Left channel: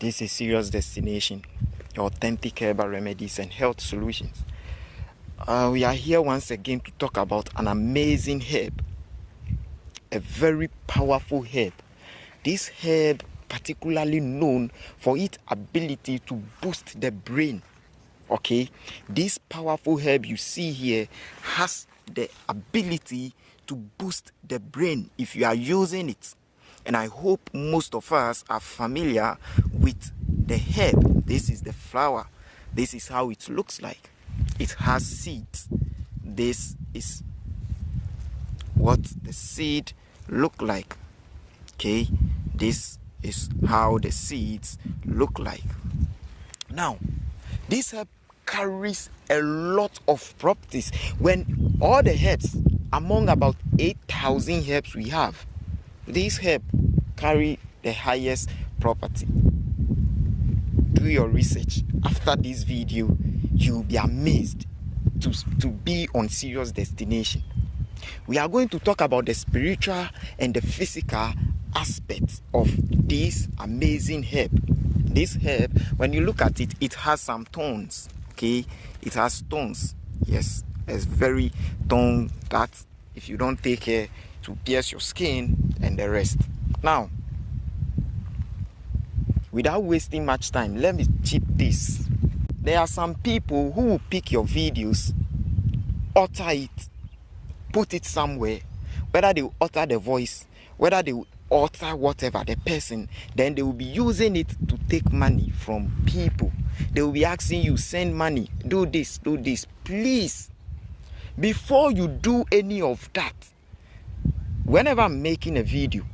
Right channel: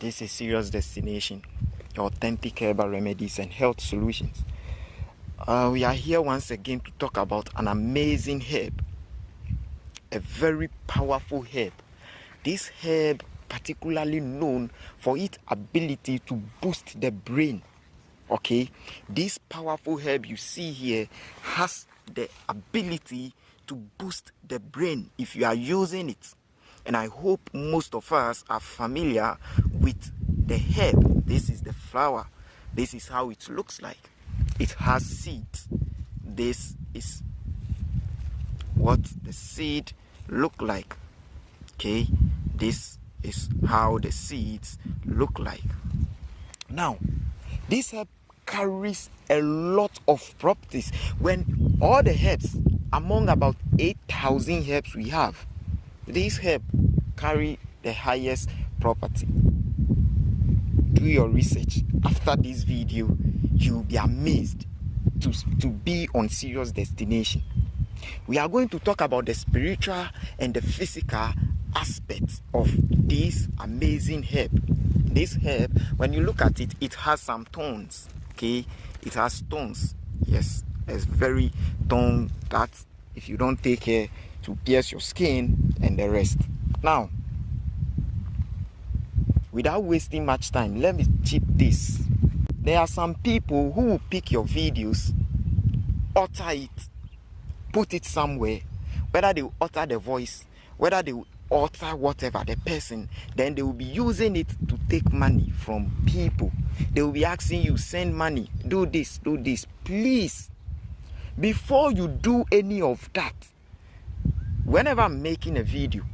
This is Serious Destination, authentic herbal remedies and health solutions. We are here once again to talk about an amazing herb, a very powerful herb. This herb particularly known for its ability to boost the brain. Okay, this powerful herb you see here has the ability to boost the brain if you are using it. And I hope most of us are familiar with the herb. This is the flower. This is how it looks like. It has seeds. This is what the seed look like. Okay, this is how the seeds look like. Now, this herb carries a lot of properties. When all the herbs, among about 8,000 herbs we have, this herb carry the highest property. Do your research. After this video, you'll be amazed to be on Serious Destination. We are going to talk about the spiritual and the physical aspects of this amazing herb. This herb, when you look at it, it has some thorns. Okay, it has thorns. Yes, it's very thorn that if you don't take care to pierce your skin and the rest. Now, without wasting much time, let me chip this. There are some people who will pick your videos, utter it, put it somewhere, whether they will utter the voice, whether they will utter whatever the person, then they will be using it to take money from people. They will be asking you, send money, do this. Please, before you do any of that, whenever I'm making a video,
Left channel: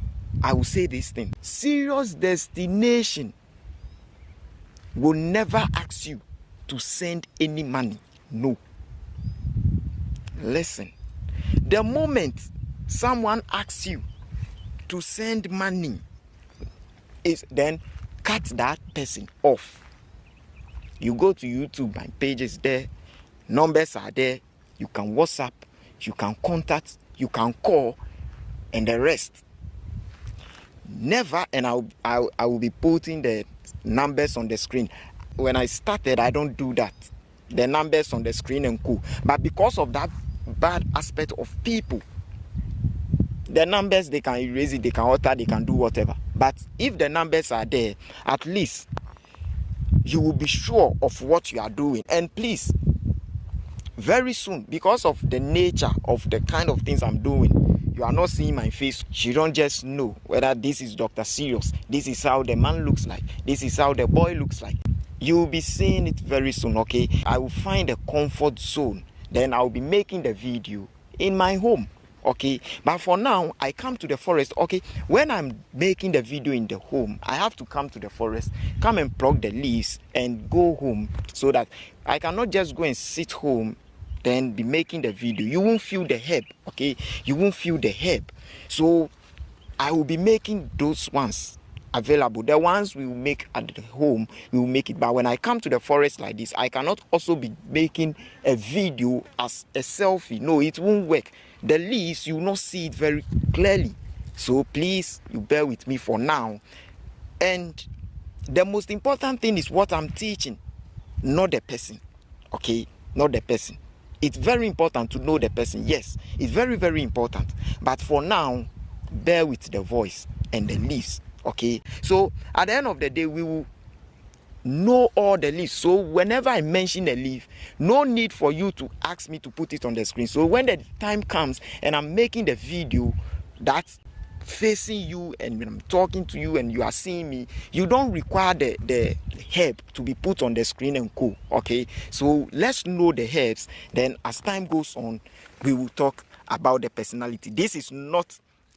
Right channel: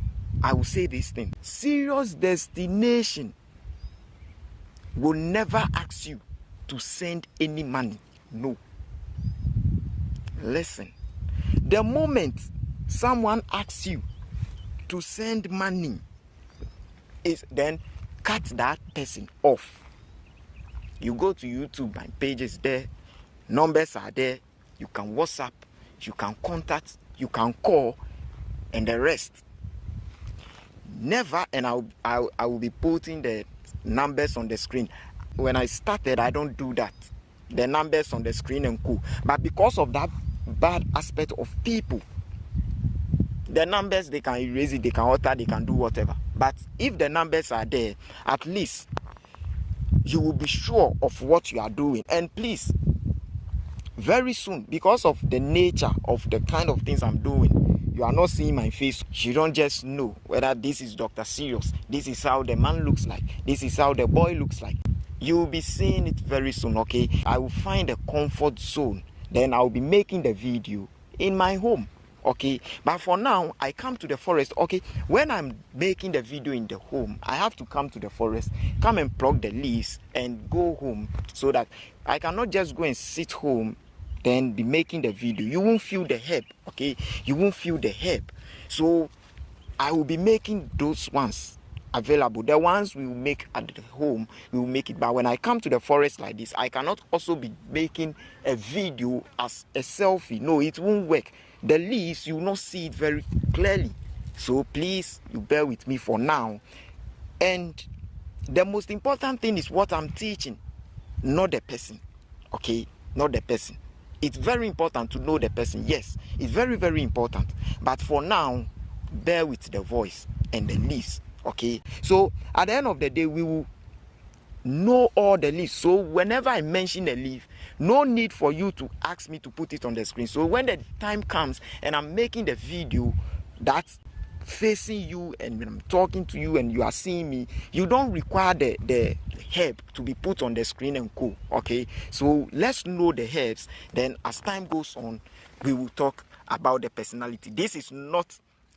I will say this thing. Serious Destination will never ask you to send any money. No. Listen. The moment someone asks you to send money, then cut that person off. You go to YouTube, my page is there, numbers are there, you can WhatsApp, you can contact, you can call, and the rest. Never, and I will be putting the numbers on the screen. When I started, I don't do that. The numbers on the screen and cool. But because of that bad aspect of people, the numbers, they can erase it, they can alter, they can do whatever. But if the numbers are there, at least you will be sure of what you are doing. And please, very soon, because of the nature of the kind of things I'm doing, you are not seeing my face. You don't just know whether this is Dr. Serious. This is how the man looks like. This is how the boy looks like. You will be seeing it very soon, okay? I will find a comfort zone. Then I will be making the video in my home, okay? But for now, I come to the forest, okay? When I'm making the video in the home, I have to come to the forest, come and pluck the leaves and go home so that I cannot just go and sit home then be making the video. You won't feel the herb, okay? You won't feel the herb. So I will be making those ones available. The ones we will make at the home, we will make it. But when I come to the forest like this, I cannot also be making a video as a selfie. No, it won't work. The leaves, you will not see it very clearly. So please, you bear with me for now. And the most important thing is what I'm teaching, not the person, okay? Not the person. It's very important to know the person. Yes, it's very, very important. But for now, bear with the voice and the leaves, okay? So at the end of the day, we will know all the leaves. So whenever I mention a leaf, no need for you to ask me to put it on the screen. So when the time comes and I'm making the video that's facing you and when I'm talking to you and you are seeing me, you don't require the herb to be put on the screen and cool, okay? So let's know the herbs. Then as time goes on, we will talk about the personality. This is not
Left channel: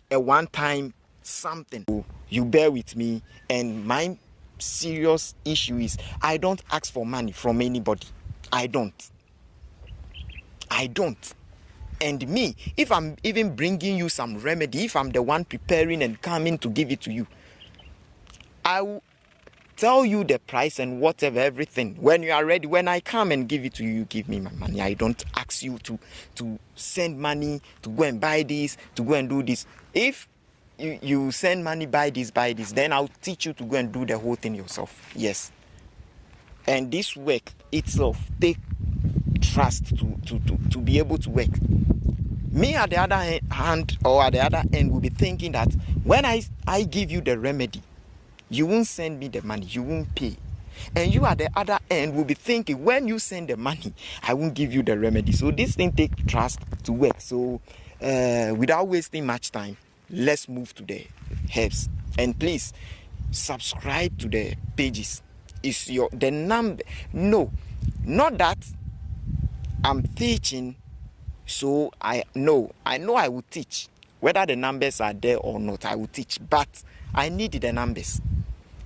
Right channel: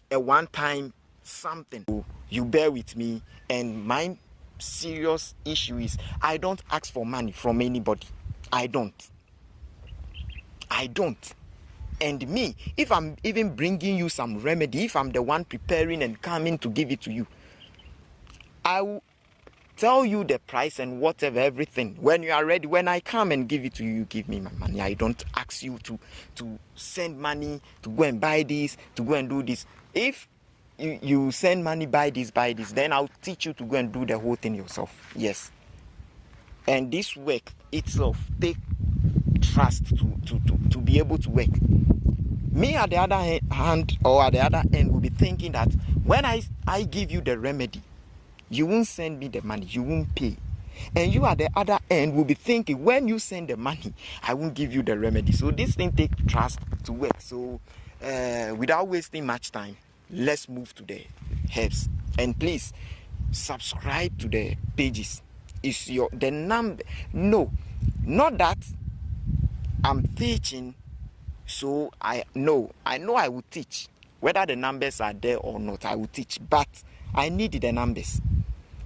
a one-time something. So you bear with me, and my serious issue is I don't ask for money from anybody. I don't. And me, if I'm even bringing you some remedy, if I'm the one preparing and coming to give it to you, I will tell you the price and whatever, everything. When you are ready, when I come and give it to you, you give me my money. I don't ask you to send money, to go and buy this, to go and do this. If you send money, buy this, then I'll teach you to go and do the whole thing yourself. Yes. And this work itself take trust to be able to work. Me at the other hand, or at the other end, will be thinking that when I give you the remedy, you won't send me the money, you won't pay. And you at the other end will be thinking, when you send the money, I won't give you the remedy. So this thing takes trust to work. So without wasting much time, let's move to the herbs. And please subscribe to the pages. Is the number? No, not that I'm teaching. So I know I will teach. Whether the numbers are there or not, I will teach. But I need the numbers.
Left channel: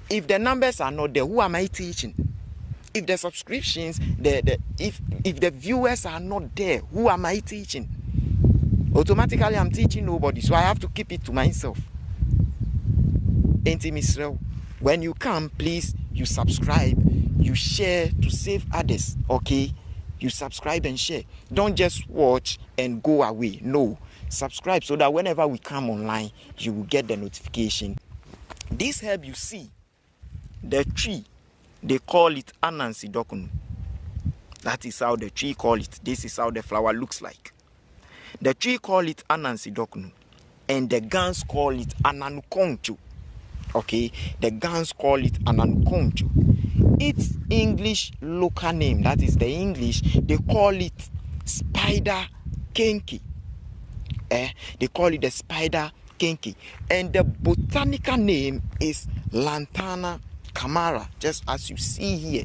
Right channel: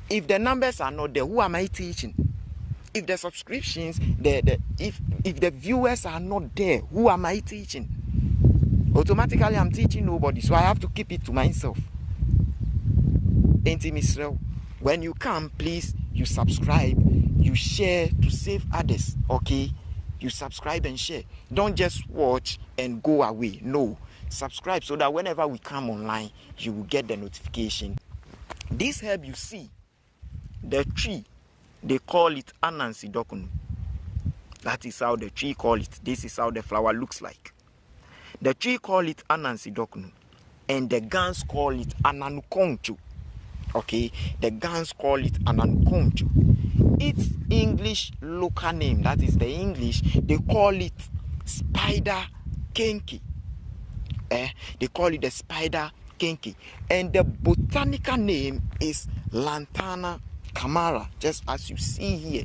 If the numbers are not there, who am I teaching? If the subscriptions, if the viewers are not there, who am I teaching? Automatically, I'm teaching nobody. So I have to keep it to myself. Auntie Misrel, when you come, please, you subscribe, you share to save others. Okay? You subscribe and share. Don't just watch and go away. No. Subscribe so that whenever we come online, you will get the notification. This herb you see, the tree, they call it Ananse Dokono. That is how the tree call it. This is how the flower looks like. The tree call it Ananse Dokono. And the Gans call it Ananukoncho. Okay, the Gans call it Ananukoncho. Its English local name, that is the English, they call it spider kenki. They call it the spider kenki. And the botanical name is Lantana Camara, just as you see here.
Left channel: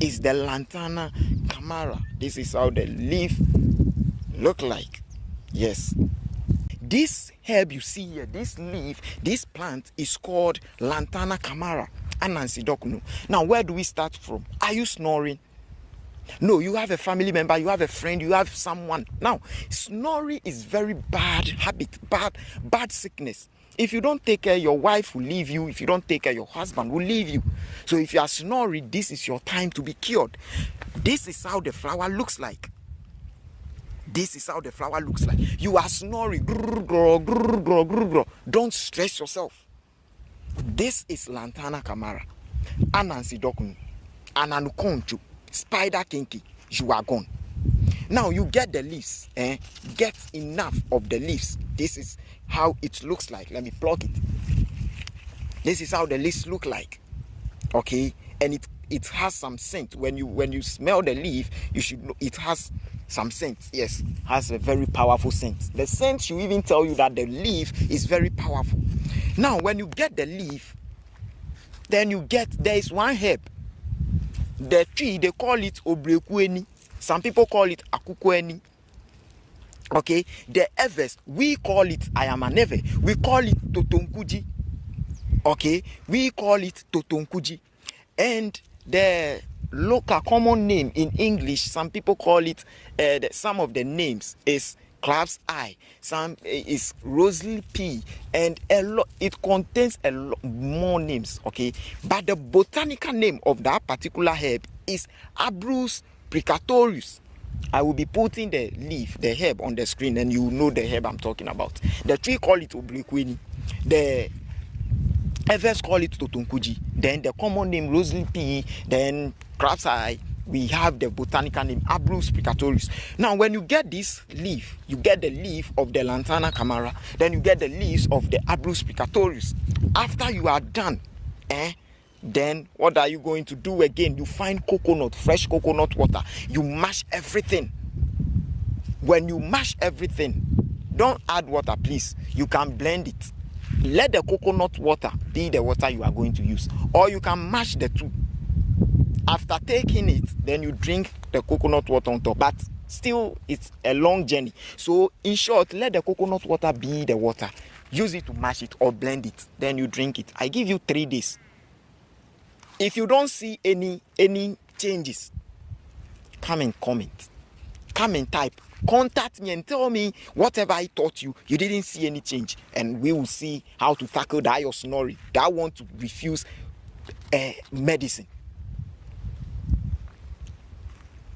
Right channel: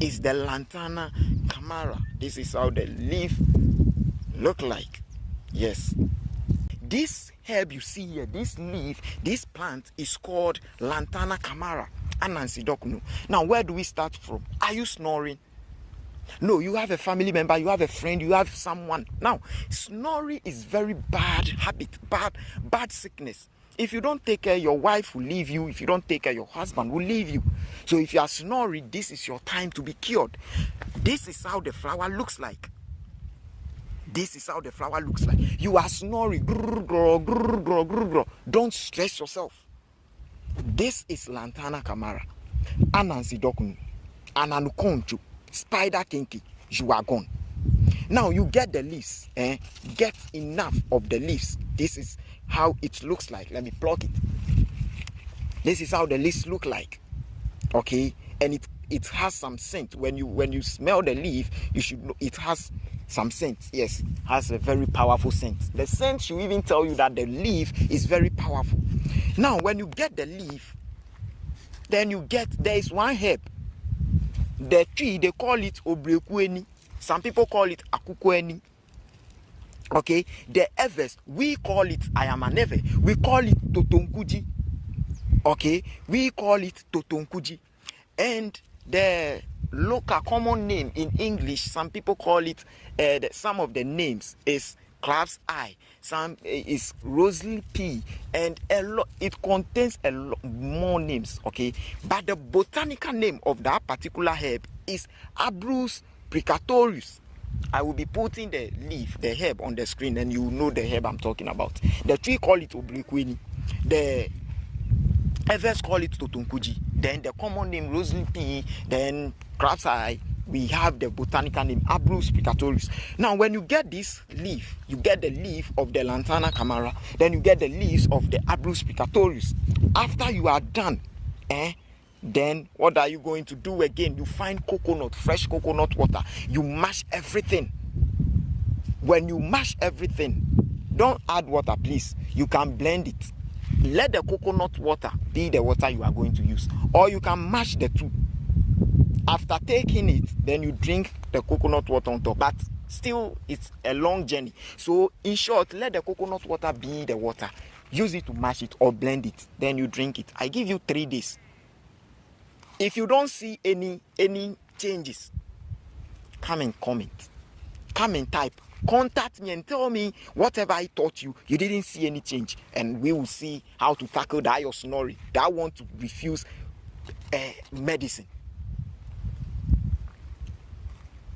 Is the Lantana Camara. This is how the leaf look like. Yes. This herb you see here, this leaf, this plant is called Lantana Camara, Ananse Dokono. Now, where do we start from? Are you snoring? No, you have a family member, you have a friend, you have someone. Now, snoring is very bad habit, bad sickness. If you don't take care, your wife will leave you. If you don't take care, your husband will leave you. So if you are snoring, this is your time to be cured. This is how the flower looks like. This is how the flower looks like. You are snoring. Don't stress yourself. This is Lantana Camara, Ananse Dokono, Ananukoncho, spider kenki. You are gone. Now you get the leaves. Get enough of the leaves. This is how it looks like. Let me pluck it. This is how the leaves look like. Okay, and it has some scent. When you smell the leaf, you should know it has some scent. Yes, has a very powerful scent. The scent should even tell you that the leaf is very powerful. Now, when you get the leaf, then there is one herb. The tree, they call it obrekueni. Some people call it akukueni. Okay, the herbs, we call it ayamaneve. We call it totonkuji. Okay, we call it totonkuji. And the local common name in English, some people call it, some of the names is crab's eye, some is rosely pea, and it contains a lot more names. Okay, but the botanical name of that particular herb is Abrus precatorius. I will be putting the leaf, the herb on the screen, and you know the herb I'm talking about. The tree call it obliquini. The others call it totonkuji. Then the common name rosely pea. Then crab's eye. We have the botanical name Abrus precatorius. Now, when you get this leaf, you get the leaf of the Lantana Camara. Then you get the leaves of the Abrus precatorius. After you are done, then what are you going to do again? You find coconut, fresh coconut water. You mash everything. When you mash everything, don't add water, please. You can blend it. Let the coconut water be the water you are going to use. Or you can mash the two. After taking it, then you drink the coconut water on top. But still, it's a long journey. So, in short, let the coconut water be the water. Use it to mash it or blend it. Then you drink it. I give you 3 days. If you don't see any changes, come and comment. Come and type. Contact me and tell me whatever I taught you, you didn't see any change. And we will see how to tackle that your snoring. That want to refuse medicine.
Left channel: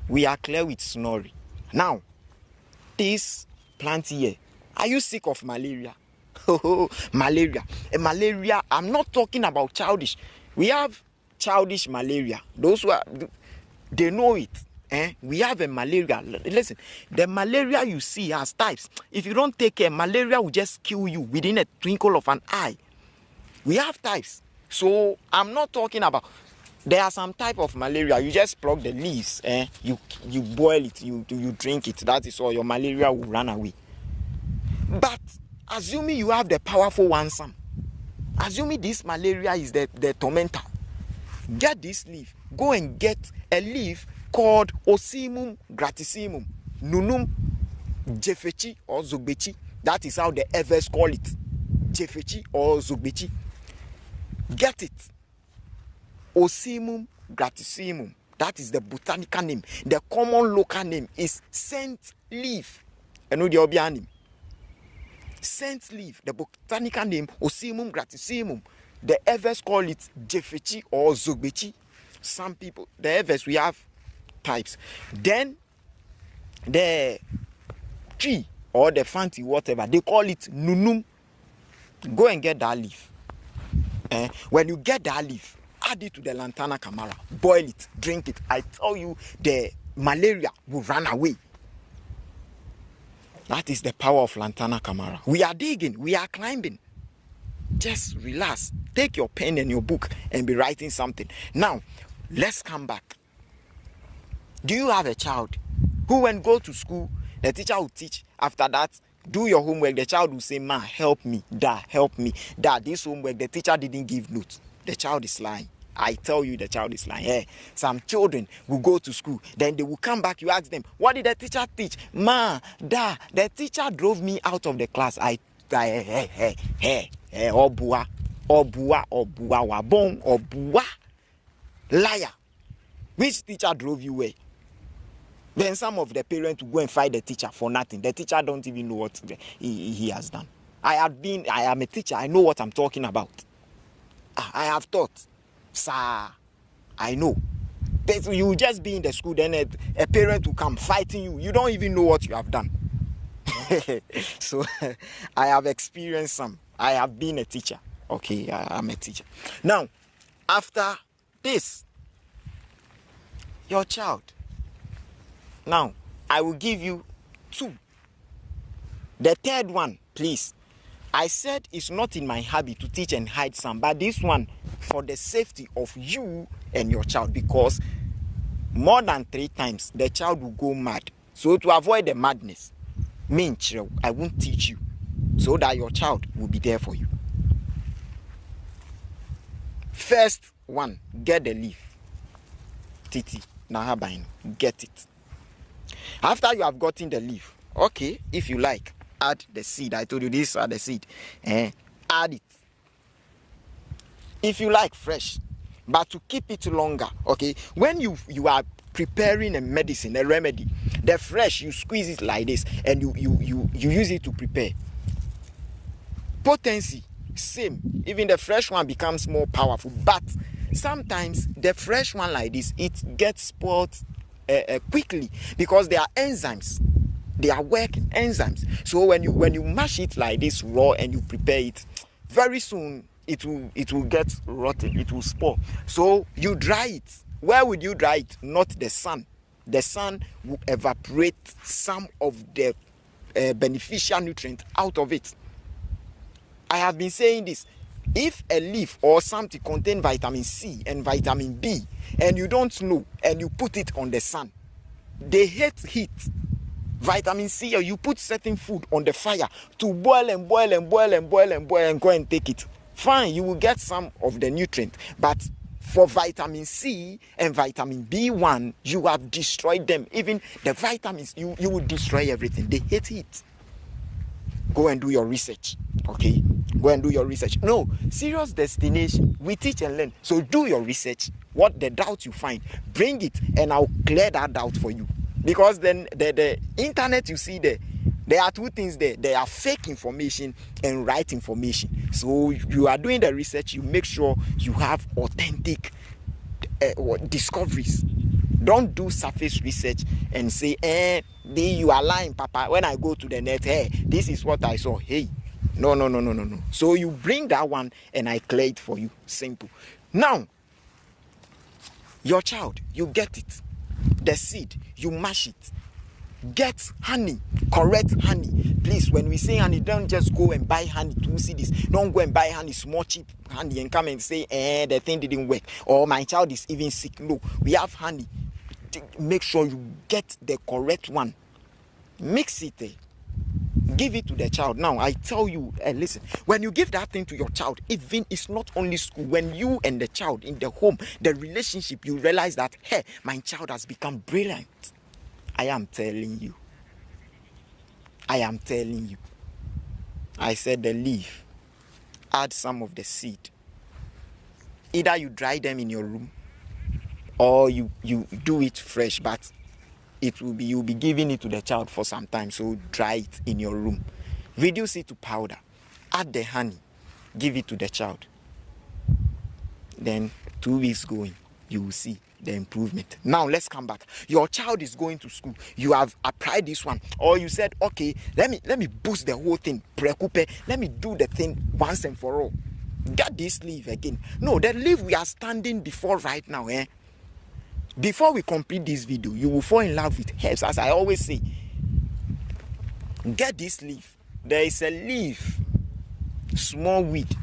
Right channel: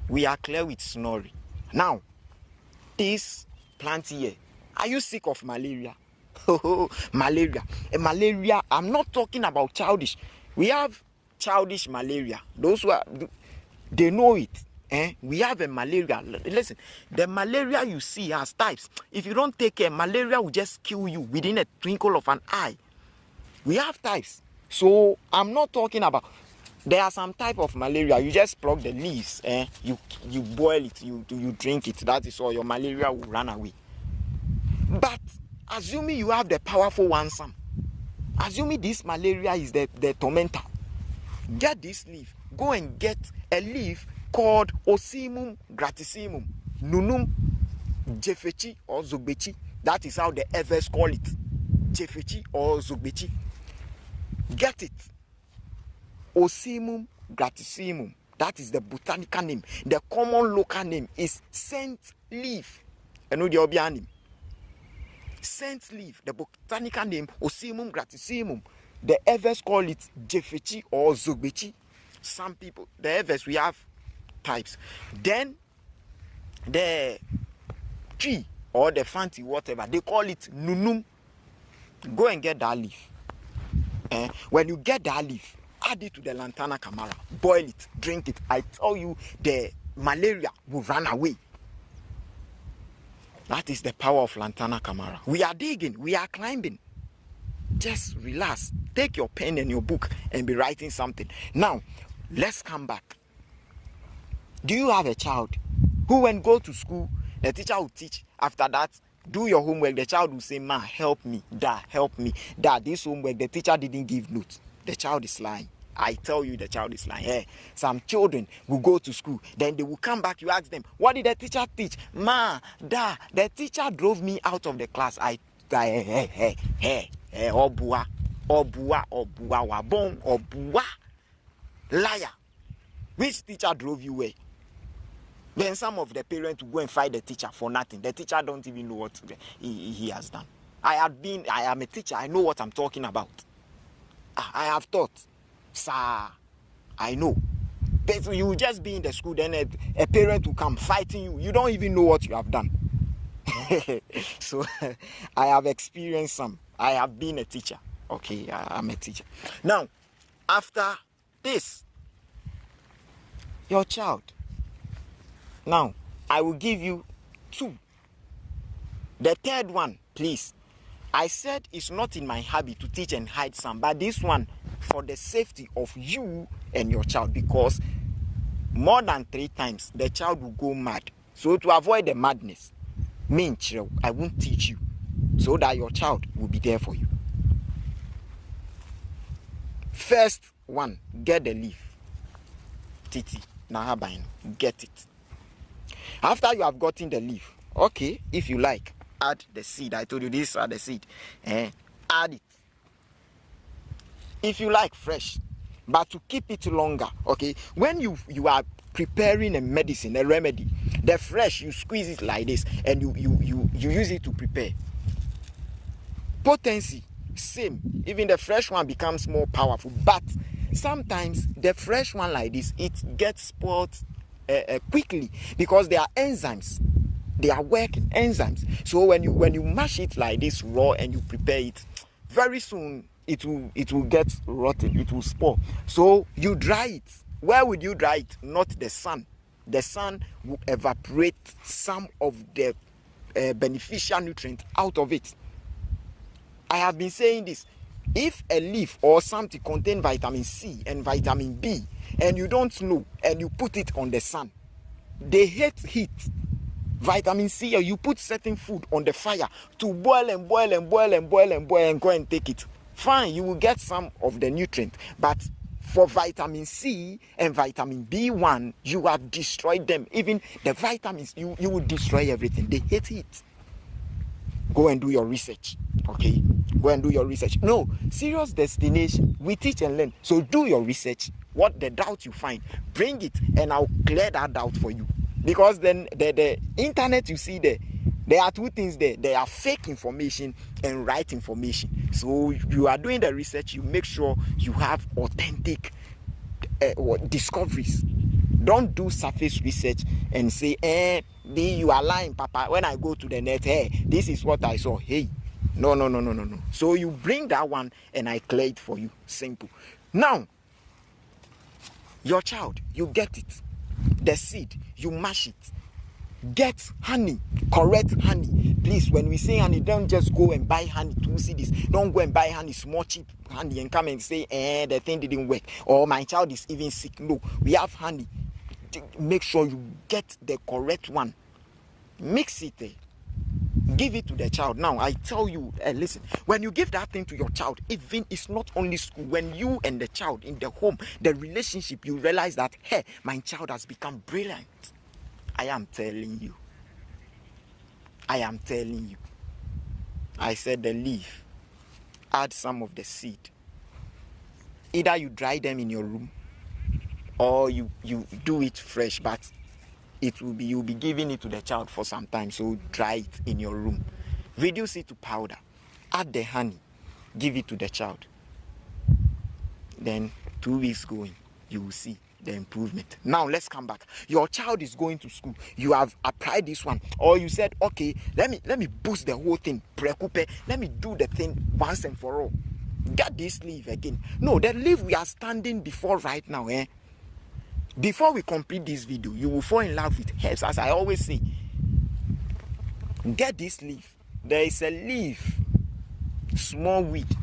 We are clear with snoring. Now, this plant here, are you sick of malaria? Malaria. Malaria, I'm not talking about childish. We have childish malaria. Those who are, they know it. We have a malaria. Listen, the malaria you see has types. If you don't take care, malaria will just kill you within a twinkle of an eye. We have types. So I'm not talking about, there are some type of malaria. You just pluck the leaves, you boil it, you drink it. That is all. Your malaria will run away. But assuming you have the powerful one, some. Assuming this malaria is the tormentor. Get this leaf. Go and get a leaf called Osimum gratissimum, Nunum Jefechi or Zogbechi. That is how the Evers call it. Jefechi or Zogbechi. Get it. Osimum gratissimum. That is the botanical name. The common local name is scent leaf. You know the obvious name. Scent leaf. The botanical name Osimum gratissimum. The Evers call it Jefechi or Zogbechi. Some people, the Evers, we have types. Then the tree or the fancy whatever, they call it Nunum. Go and get that leaf. When you get that leaf, add it to the Lantana Camara, boil it, drink it. I tell you, the malaria will run away. That is the power of Lantana Camara. We are digging, we are climbing. Just relax. Take your pen and your book and be writing something. Now, let's come back. Do you have a child who, when go to school, the teacher will teach? After that, do your homework. The child will say, "Ma, help me. Dad, help me. Dad, this homework, the teacher didn't give notes." The child is lying. I tell you, the child is lying. Some children will go to school, then they will come back. You ask them, "What did the teacher teach?" "Ma, Dad, the teacher drove me out of the class." Obua, wabong, obua, liar. Which teacher drove you away? Then some of the parents will go and fight the teacher for nothing. The teacher don't even know what he has done. I am a teacher. I know what I'm talking about. I have taught. Sir, I know. You will just be in the school, then a parent will come fighting you. You don't even know what you have done. So I have experienced some. I have been a teacher. Okay, I'm a teacher. Now, after this, your child. Now, I will give you 2. The third one, please. I said it's not in my habit to teach and hide some, but this one for the safety of you and your child, because more than 3 times the child will go mad. So to avoid the madness, I won't teach you so that your child will be there for you. First one, get the leaf. Titi, Nahabain, get it. After you have gotten the leaf, okay, if you like, add the seed. I told you these are the seed. Add it. If you like, fresh. But to keep it longer, okay, when you are preparing a medicine, a remedy, the fresh, you squeeze it like this and you use it to prepare. Potency, same. Even the fresh one becomes more powerful. But sometimes the fresh one like this, it gets spoiled quickly because there are enzymes. They are working enzymes. So when you mash it like this raw and you prepare it, very soon it will get rotten. It will spoil. So you dry it. Where would you dry it? Not the sun. The sun will evaporate some of the beneficial nutrients out of it. I have been saying this. If a leaf or something contains vitamin C and vitamin B and you don't know and you put it on the sun, they hate heat. Vitamin C, or you put certain food on the fire to boil and boil and boil and boil and boil and go and take it. Fine, you will get some of the nutrient, but for vitamin C and vitamin B1, you have destroyed them. Even the vitamins, you will destroy everything. They hate heat. Go and do your research. Okay? Go and do your research. No, serious destination. We teach and learn. So do your research. What the doubt you find, bring it and I'll clear that doubt for you. Because then the internet you see there are 2 things there. There are fake information and right information. So you are doing the research, you make sure you have authentic discoveries. Don't do surface research and say, you are lying, Papa. When I go to the net, this is what I saw. Hey, No, no, no, no, no, no. So you bring that one and I clear it for you. Simple. Now, your child, you get it. The seed, you mash it. Get honey, correct honey. Please, when we say honey, don't just go and buy honey to see this. Don't go and buy honey, small cheap honey, and come and say, the thing didn't work. Or my child is even sick. No, we have honey. Make sure you get the correct one. Mix it. Give it to the child. Now, I tell you, listen, when you give that thing to your child, even it's not only school, when you and the child in the home, the relationship, you realize that, hey, my child has become brilliant. I am telling you. I am telling you. I said the leaf. Add some of the seed. Either you dry them in your room or you do it fresh, but you'll be giving it to the child for some time. So dry it in your room. Reduce it to powder. Add the honey. Give it to the child. Then 2 weeks going, you will see the improvement. Now let's come back. Your child is going to school. You have applied this one, or you said, okay, let me boost the whole thing. Let me do the thing once and for all. Get this leaf again. No, the leaf we are standing before right now. Before we complete this video, you will fall in love with herbs, as I always say. Get this leaf. There is a leaf, small weed.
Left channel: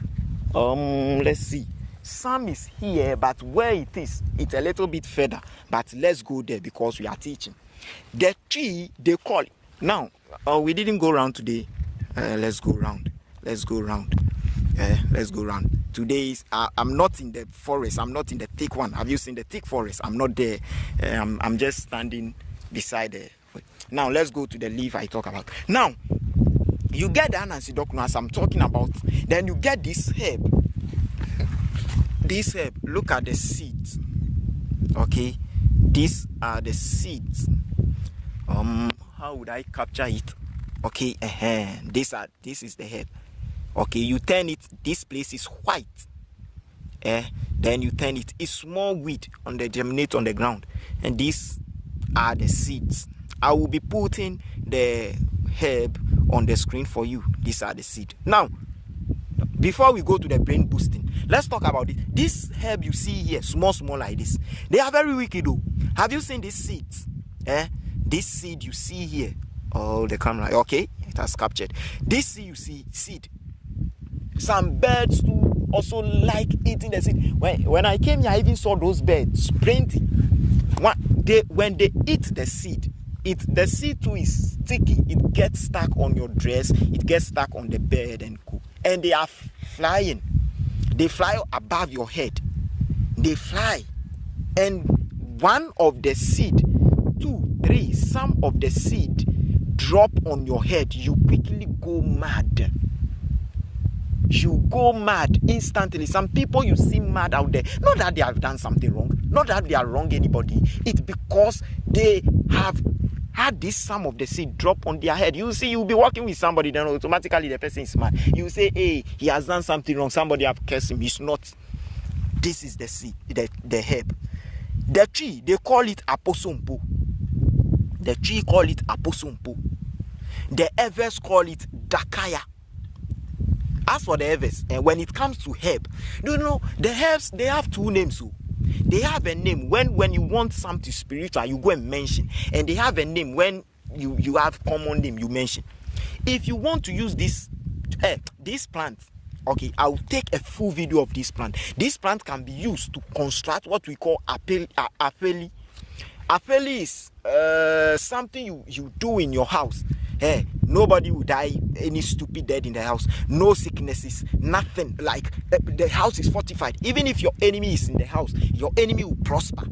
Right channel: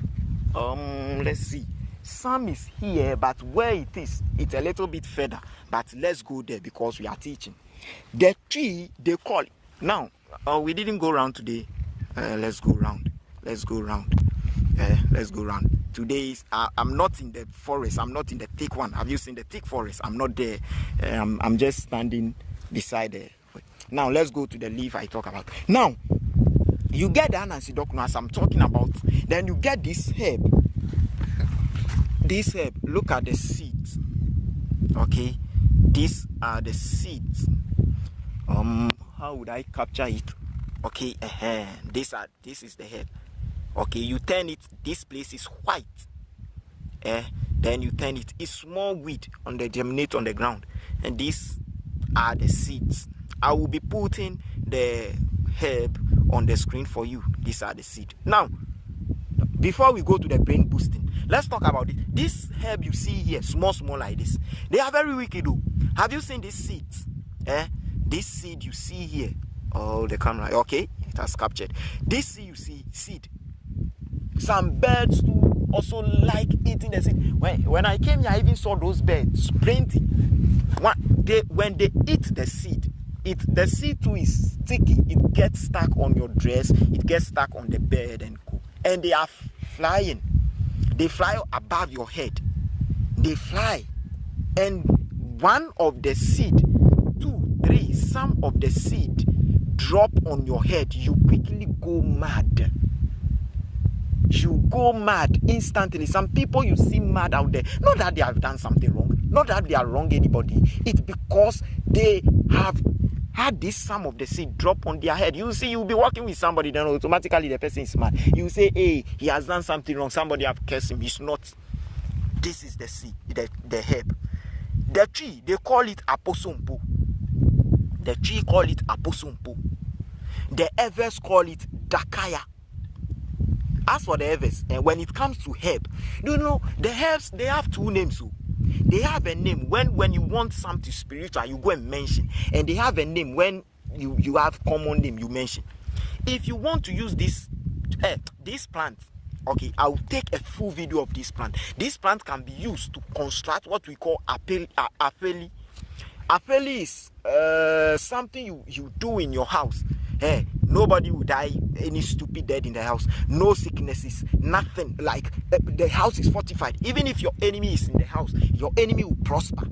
Let's see. Some is here, but where it is, it's a little bit further. But let's go there because we are teaching. The tree, they call it. Now, we didn't go around today. Let's go round. Let's go round. Let's go round. Today is, I'm not in the forest. I'm not in the thick one. Have you seen the thick forest? I'm not there. I'm just standing beside the. Now, let's go to the leaf I talk about. Now, you get the Ananse Dokono as I'm talking about. Then you get this herb. This herb, look at the seeds. Okay, these are the seeds. How would I capture it? Okay, this is the herb. Okay, you turn it. This place is white. Then you turn it. It's small weed on the germinate on the ground, and these are the seeds. I will be putting the herb on the screen for you. These are the seeds. Now, before we go to the brain boosting, let's talk about it. This herb you see here, small like this, they are very wicked though. Have you seen these seeds? This seed you see here. Oh, the camera. Okay, it has captured. This seed you see, seed. Some birds too also like eating the seed. When I came here, I even saw those birds plenty. When they eat the seed, the seed too is sticky. It gets stuck on your dress. It gets stuck on the bed and cool. And they are flying. They fly above your head. They fly. And one of the seed, 2, 3, some of the seed drop on your head. You quickly go mad. You go mad instantly. Some people you see mad out there. Not that they have done something wrong. Not that they are wrong anybody. It's because they have had this some of the seed drop on their head. You see, you'll be walking with somebody, then automatically the person is mad. You say, hey, he has done something wrong. Somebody have cursed him. He's not. This is the seed, the herb. The tree, they call it aposompo. The tree call it aposompo. The others call it dakaya. As for the others, when it comes to herb, you know, the herbs, they have 2 names. So they have a name when you want something spiritual, you go and mention. And they have a name when you have common name, you mention. If you want to use this plant, okay, I'll take a full video of this plant. This plant can be used to construct what we call apeli. Apeli is something you do in your house. Hey, nobody will die, any stupid dead in the house. No sicknesses, nothing. Like the house is fortified. Even if your enemy is in the house, your enemy will prosper.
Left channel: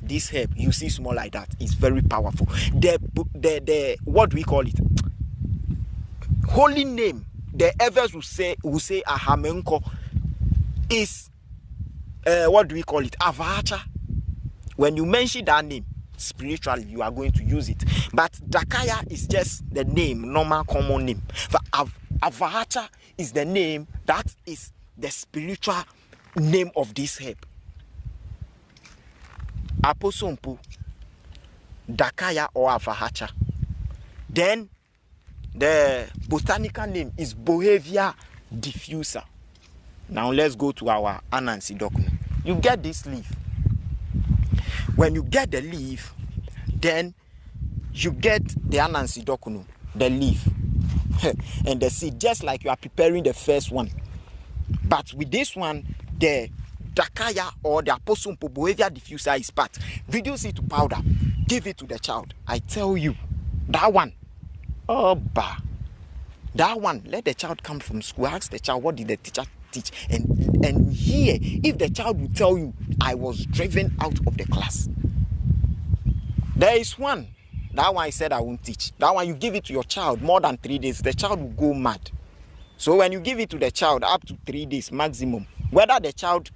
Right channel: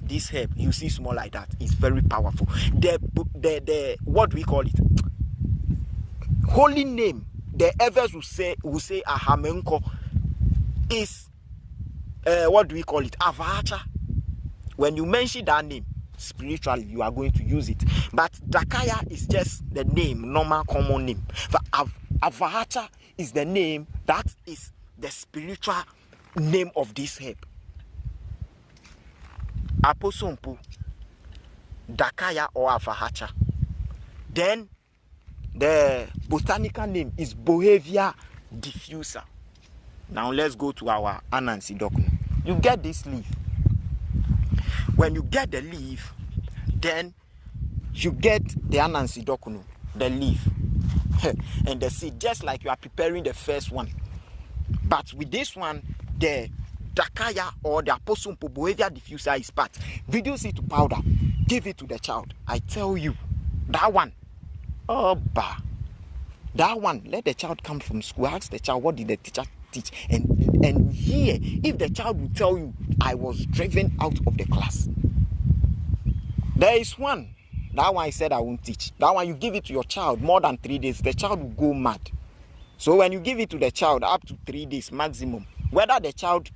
This herb, you see small like that, is very powerful. The what do we call it? Holy name. The others will say ahamenko is what do we call it? Avacha. When you mention that name, spiritually you are going to use it, but dakaya is just the name, normal common name. For avacha is the name, that is the spiritual name of this herb. Aposompo, dakaya or avahacha. Then The botanical name is Bohevia diffusa. Now let's go to our Ananse Dokono. You get this leaf. When you get the leaf, then you get the Ananse Dokono, the leaf, and the seed, just like you are preparing the first one. But with this one, the Dakaya or the Apostle Bohevia diffusa is part. Reduce it to powder. Give it to the child. I tell you, that one, that one, let the child come from school. Ask the child, what did the teacher teach? And here, if the child will tell you, I was driven out of the class. There is one. That one I said I won't teach. That one you give it to your child more than 3 days, the child will go mad. So when you give it to the child up to 3 days maximum, whether the child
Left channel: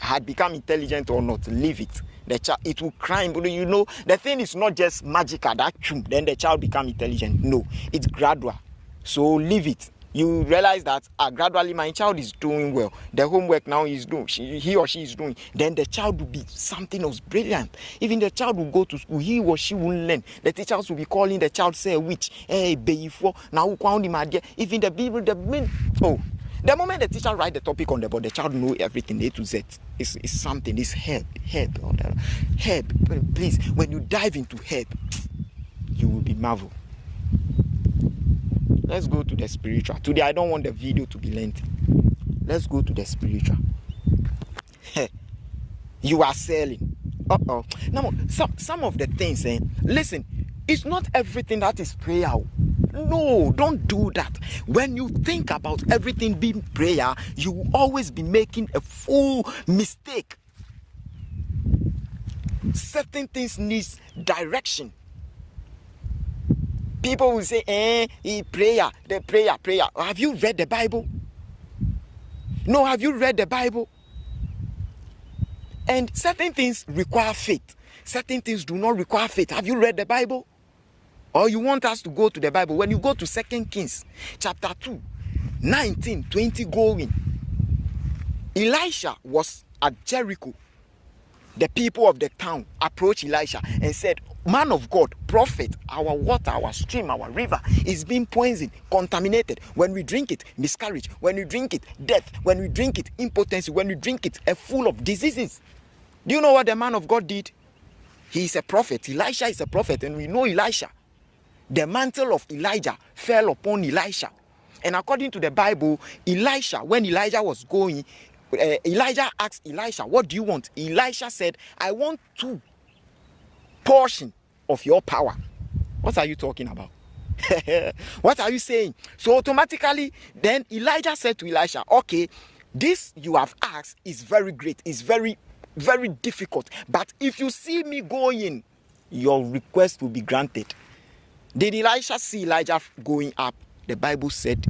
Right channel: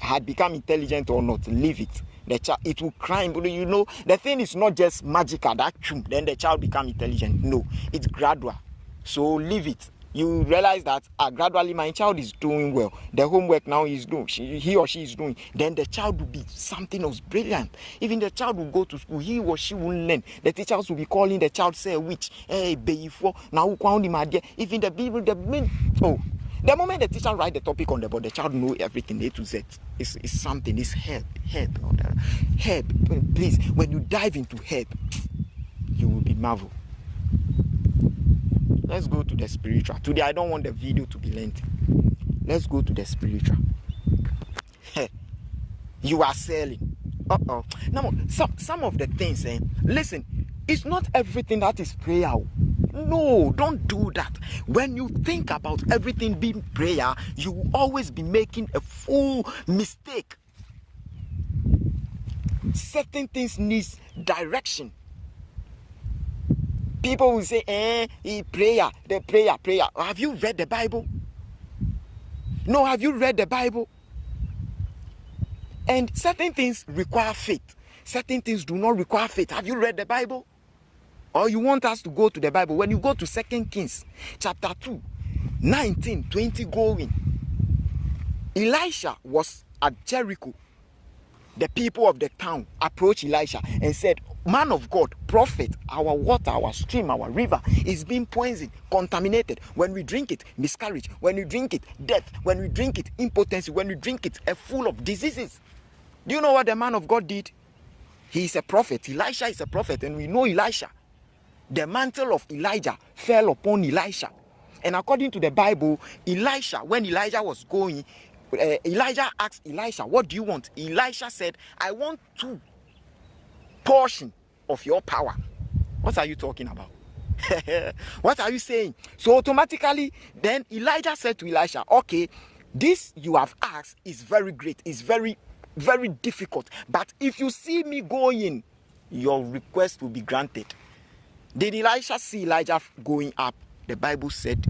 had become intelligent or not, leave it. The child, it will cry. You know, the thing is not just magical, that then the child become intelligent. No, it's gradual. So leave it. You realize that gradually my child is doing well. The homework now is doing, he or she is doing. Then the child will be something else brilliant. Even the child will go to school, he or she won't learn. The teachers will be calling the child, say, witch, hey, baby, now even the people, the moment the teacher write the topic on the board, the child know everything, A to Z. It's something, it's herb. Please, when you dive into herb, you will be marveled. Let's go to the spiritual. Today, I don't want the video to be lengthy. Let's go to the spiritual. You are selling. Now, some of the things, listen, it's not everything that is prayer. No, don't do that. When you think about everything being prayer, you will always be making a full mistake. Certain things need direction. People will say, prayer. Have you read the Bible? No, have you read the Bible? And certain things require faith. Certain things do not require faith. Have you read the Bible? Or you want us to go to the Bible? When you go to 2 Kings, chapter 2, 19, 20 going. Elisha was at Jericho. The people of the town approached Elisha and said, man of God, prophet, our water, our stream, our river is being poisoned, contaminated. When we drink it, miscarriage. When we drink it, death. When we drink it, impotency. When we drink it, full of diseases. Do you know what the man of God did? He is a prophet. Elisha is a prophet, and we know Elisha. The mantle of Elijah fell upon Elisha. And according to the Bible, Elisha, when Elijah was going, Elijah asked Elisha, what do you want? Elisha said, I want 2 portions of your power. What are you talking about? What are you saying? So automatically, then Elijah said to Elisha, okay, this you have asked is very great. It's very, very difficult. But if you see me going, your request will be granted. Did Elisha see Elijah going up? The Bible said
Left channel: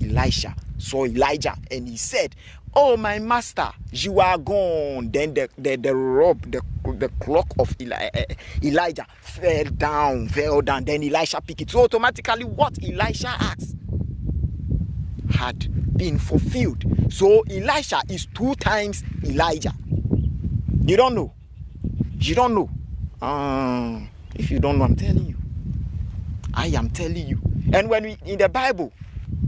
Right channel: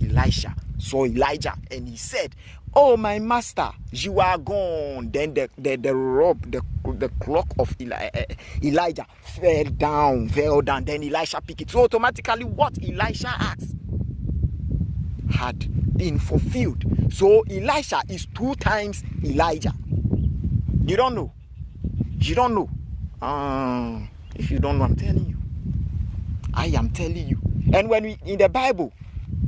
Elisha saw Elijah and he said, oh, my master, you are gone. Then the clock of Elijah fell down. Then Elisha picked it. So automatically what Elisha asked had been fulfilled. So Elisha is 2 times Elijah. You don't know. You don't know. If you don't know, I'm telling you. I am telling you. And when in the Bible,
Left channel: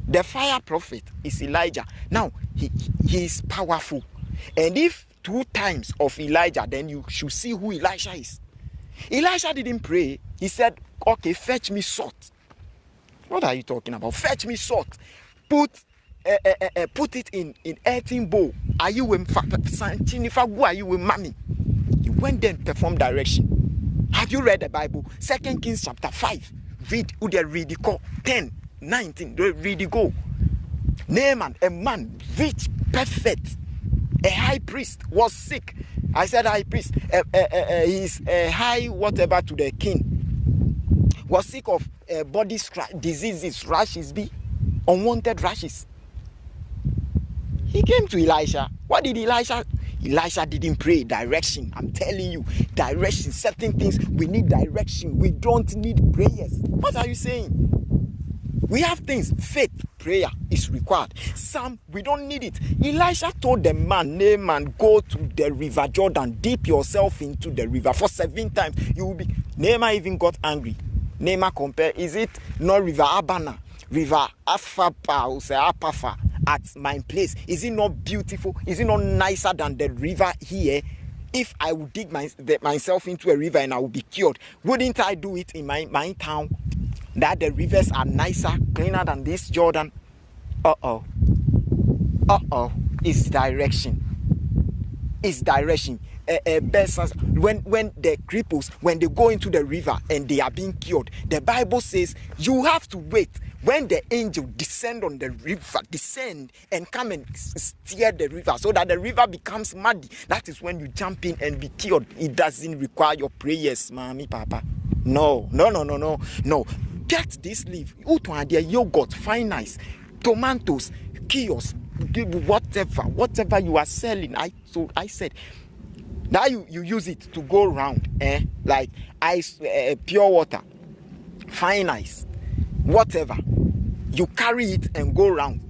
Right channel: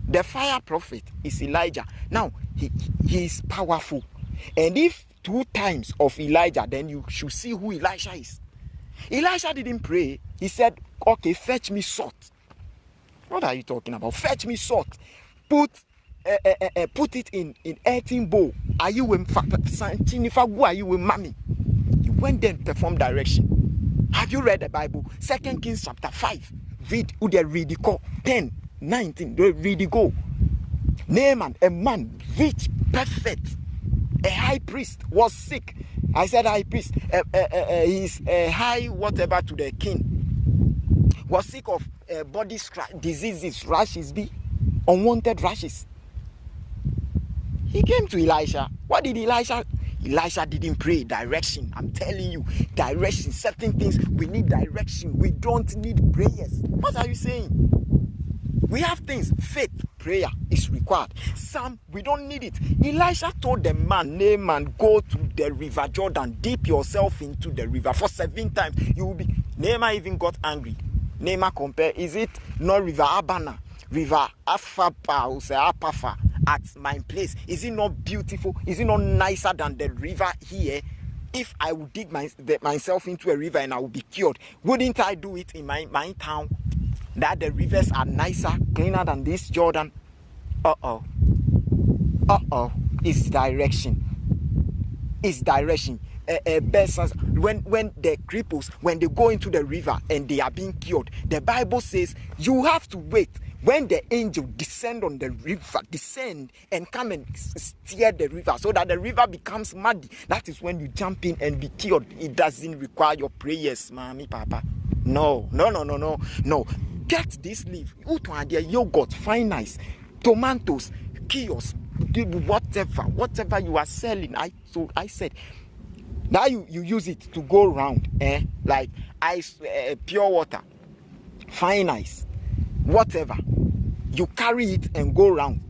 the fire prophet is Elijah. Now, he is powerful. And if 2 times of Elijah, then you should see who Elisha is. Elisha didn't pray. He said, okay, fetch me salt. What are you talking about? Fetch me salt. Put it in earthen bowl. Are you with mommy? He went there and performed direction. Have you read the Bible? 2 Kings chapter 5. Read 10, 19. Read it, go. Naaman, a man, rich, perfect, a high priest, was sick. I said high priest. He's a high whatever to the king. Was sick of body diseases, rashes, unwanted rashes. He came to Elisha. What did Elisha? Elisha didn't pray. Direction. I'm telling you, direction. Certain things we need direction. We don't need prayers. What are you saying? We have things, faith, prayer is required. Some, we don't need it. Elisha told the man, Naaman, go to the river Jordan, dip yourself into the river for 7 times. You will be. Naaman even got angry. Nema compare, is it not River Abana, River Afapa, or say Apafa at my place? Is it not beautiful? Is it not nicer than the river here? If I would dig myself into a river and I would be cured, wouldn't I do it in my town? That the rivers are nicer, cleaner than this Jordan? It's direction. It's direction. When the cripples, when they go into the river and they are being cured, the Bible says you have to wait when the angel descend on the river, descend and come and steer the river so that the river becomes muddy. That is when you jump in and be cured. It doesn't require your prayers, mommy, papa. No. Get this leaf. Yogurt, fine ice, tomatoes, kiosk, whatever you are selling. I said, now you use it to go around, like ice, pure water, fine ice, whatever. You carry it and go around.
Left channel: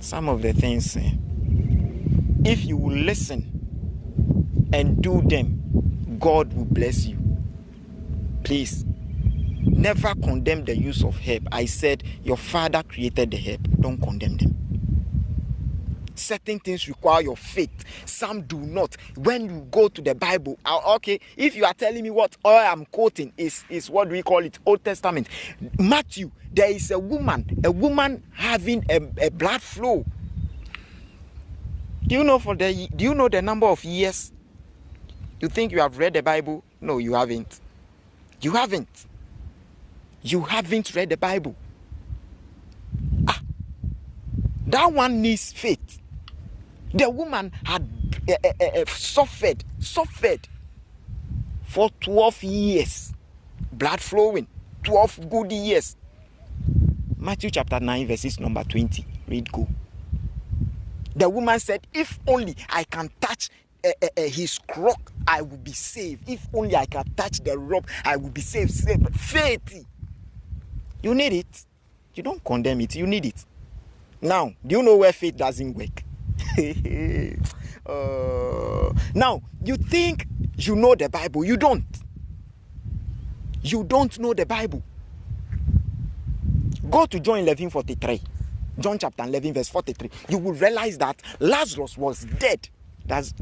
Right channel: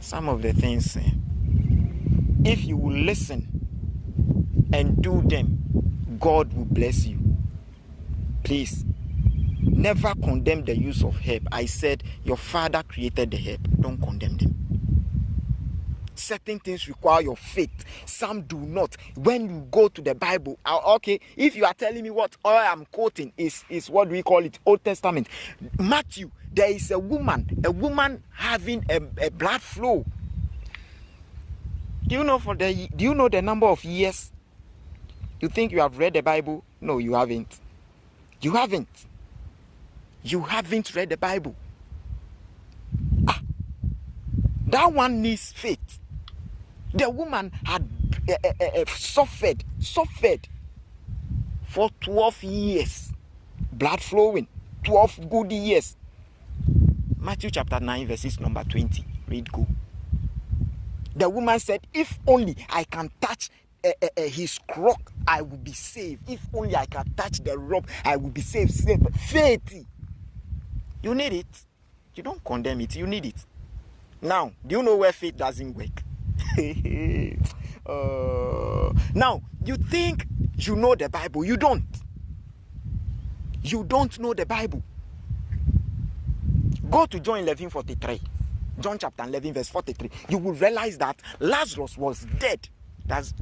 Some of the things, if you will listen and do them, God will bless you. Please, never condemn the use of herb. I said your father created the herb. Don't condemn them. Certain things require your faith. Some do not. When you go to the Bible, okay, if you are telling me what all I'm quoting is what do we call it? Old Testament. Matthew, there is a woman having a blood flow. Do you know the number of years? You think you have read the Bible? No, you haven't. You haven't read the Bible. That one needs faith. The woman had suffered for 12 years. Blood flowing. 12 good years. Matthew chapter 9 verses number 20. Read go. The woman said, if only I can touch his cloak, I will be saved. If only I can touch the robe, I will be saved. Faith. You need it. You don't condemn it. You need it. Now, do you know where faith doesn't work? Now, you think you know the Bible. You don't. You don't know the Bible. Go to John 11:43. John chapter 11 verse 43. You will realize that Lazarus was dead. Does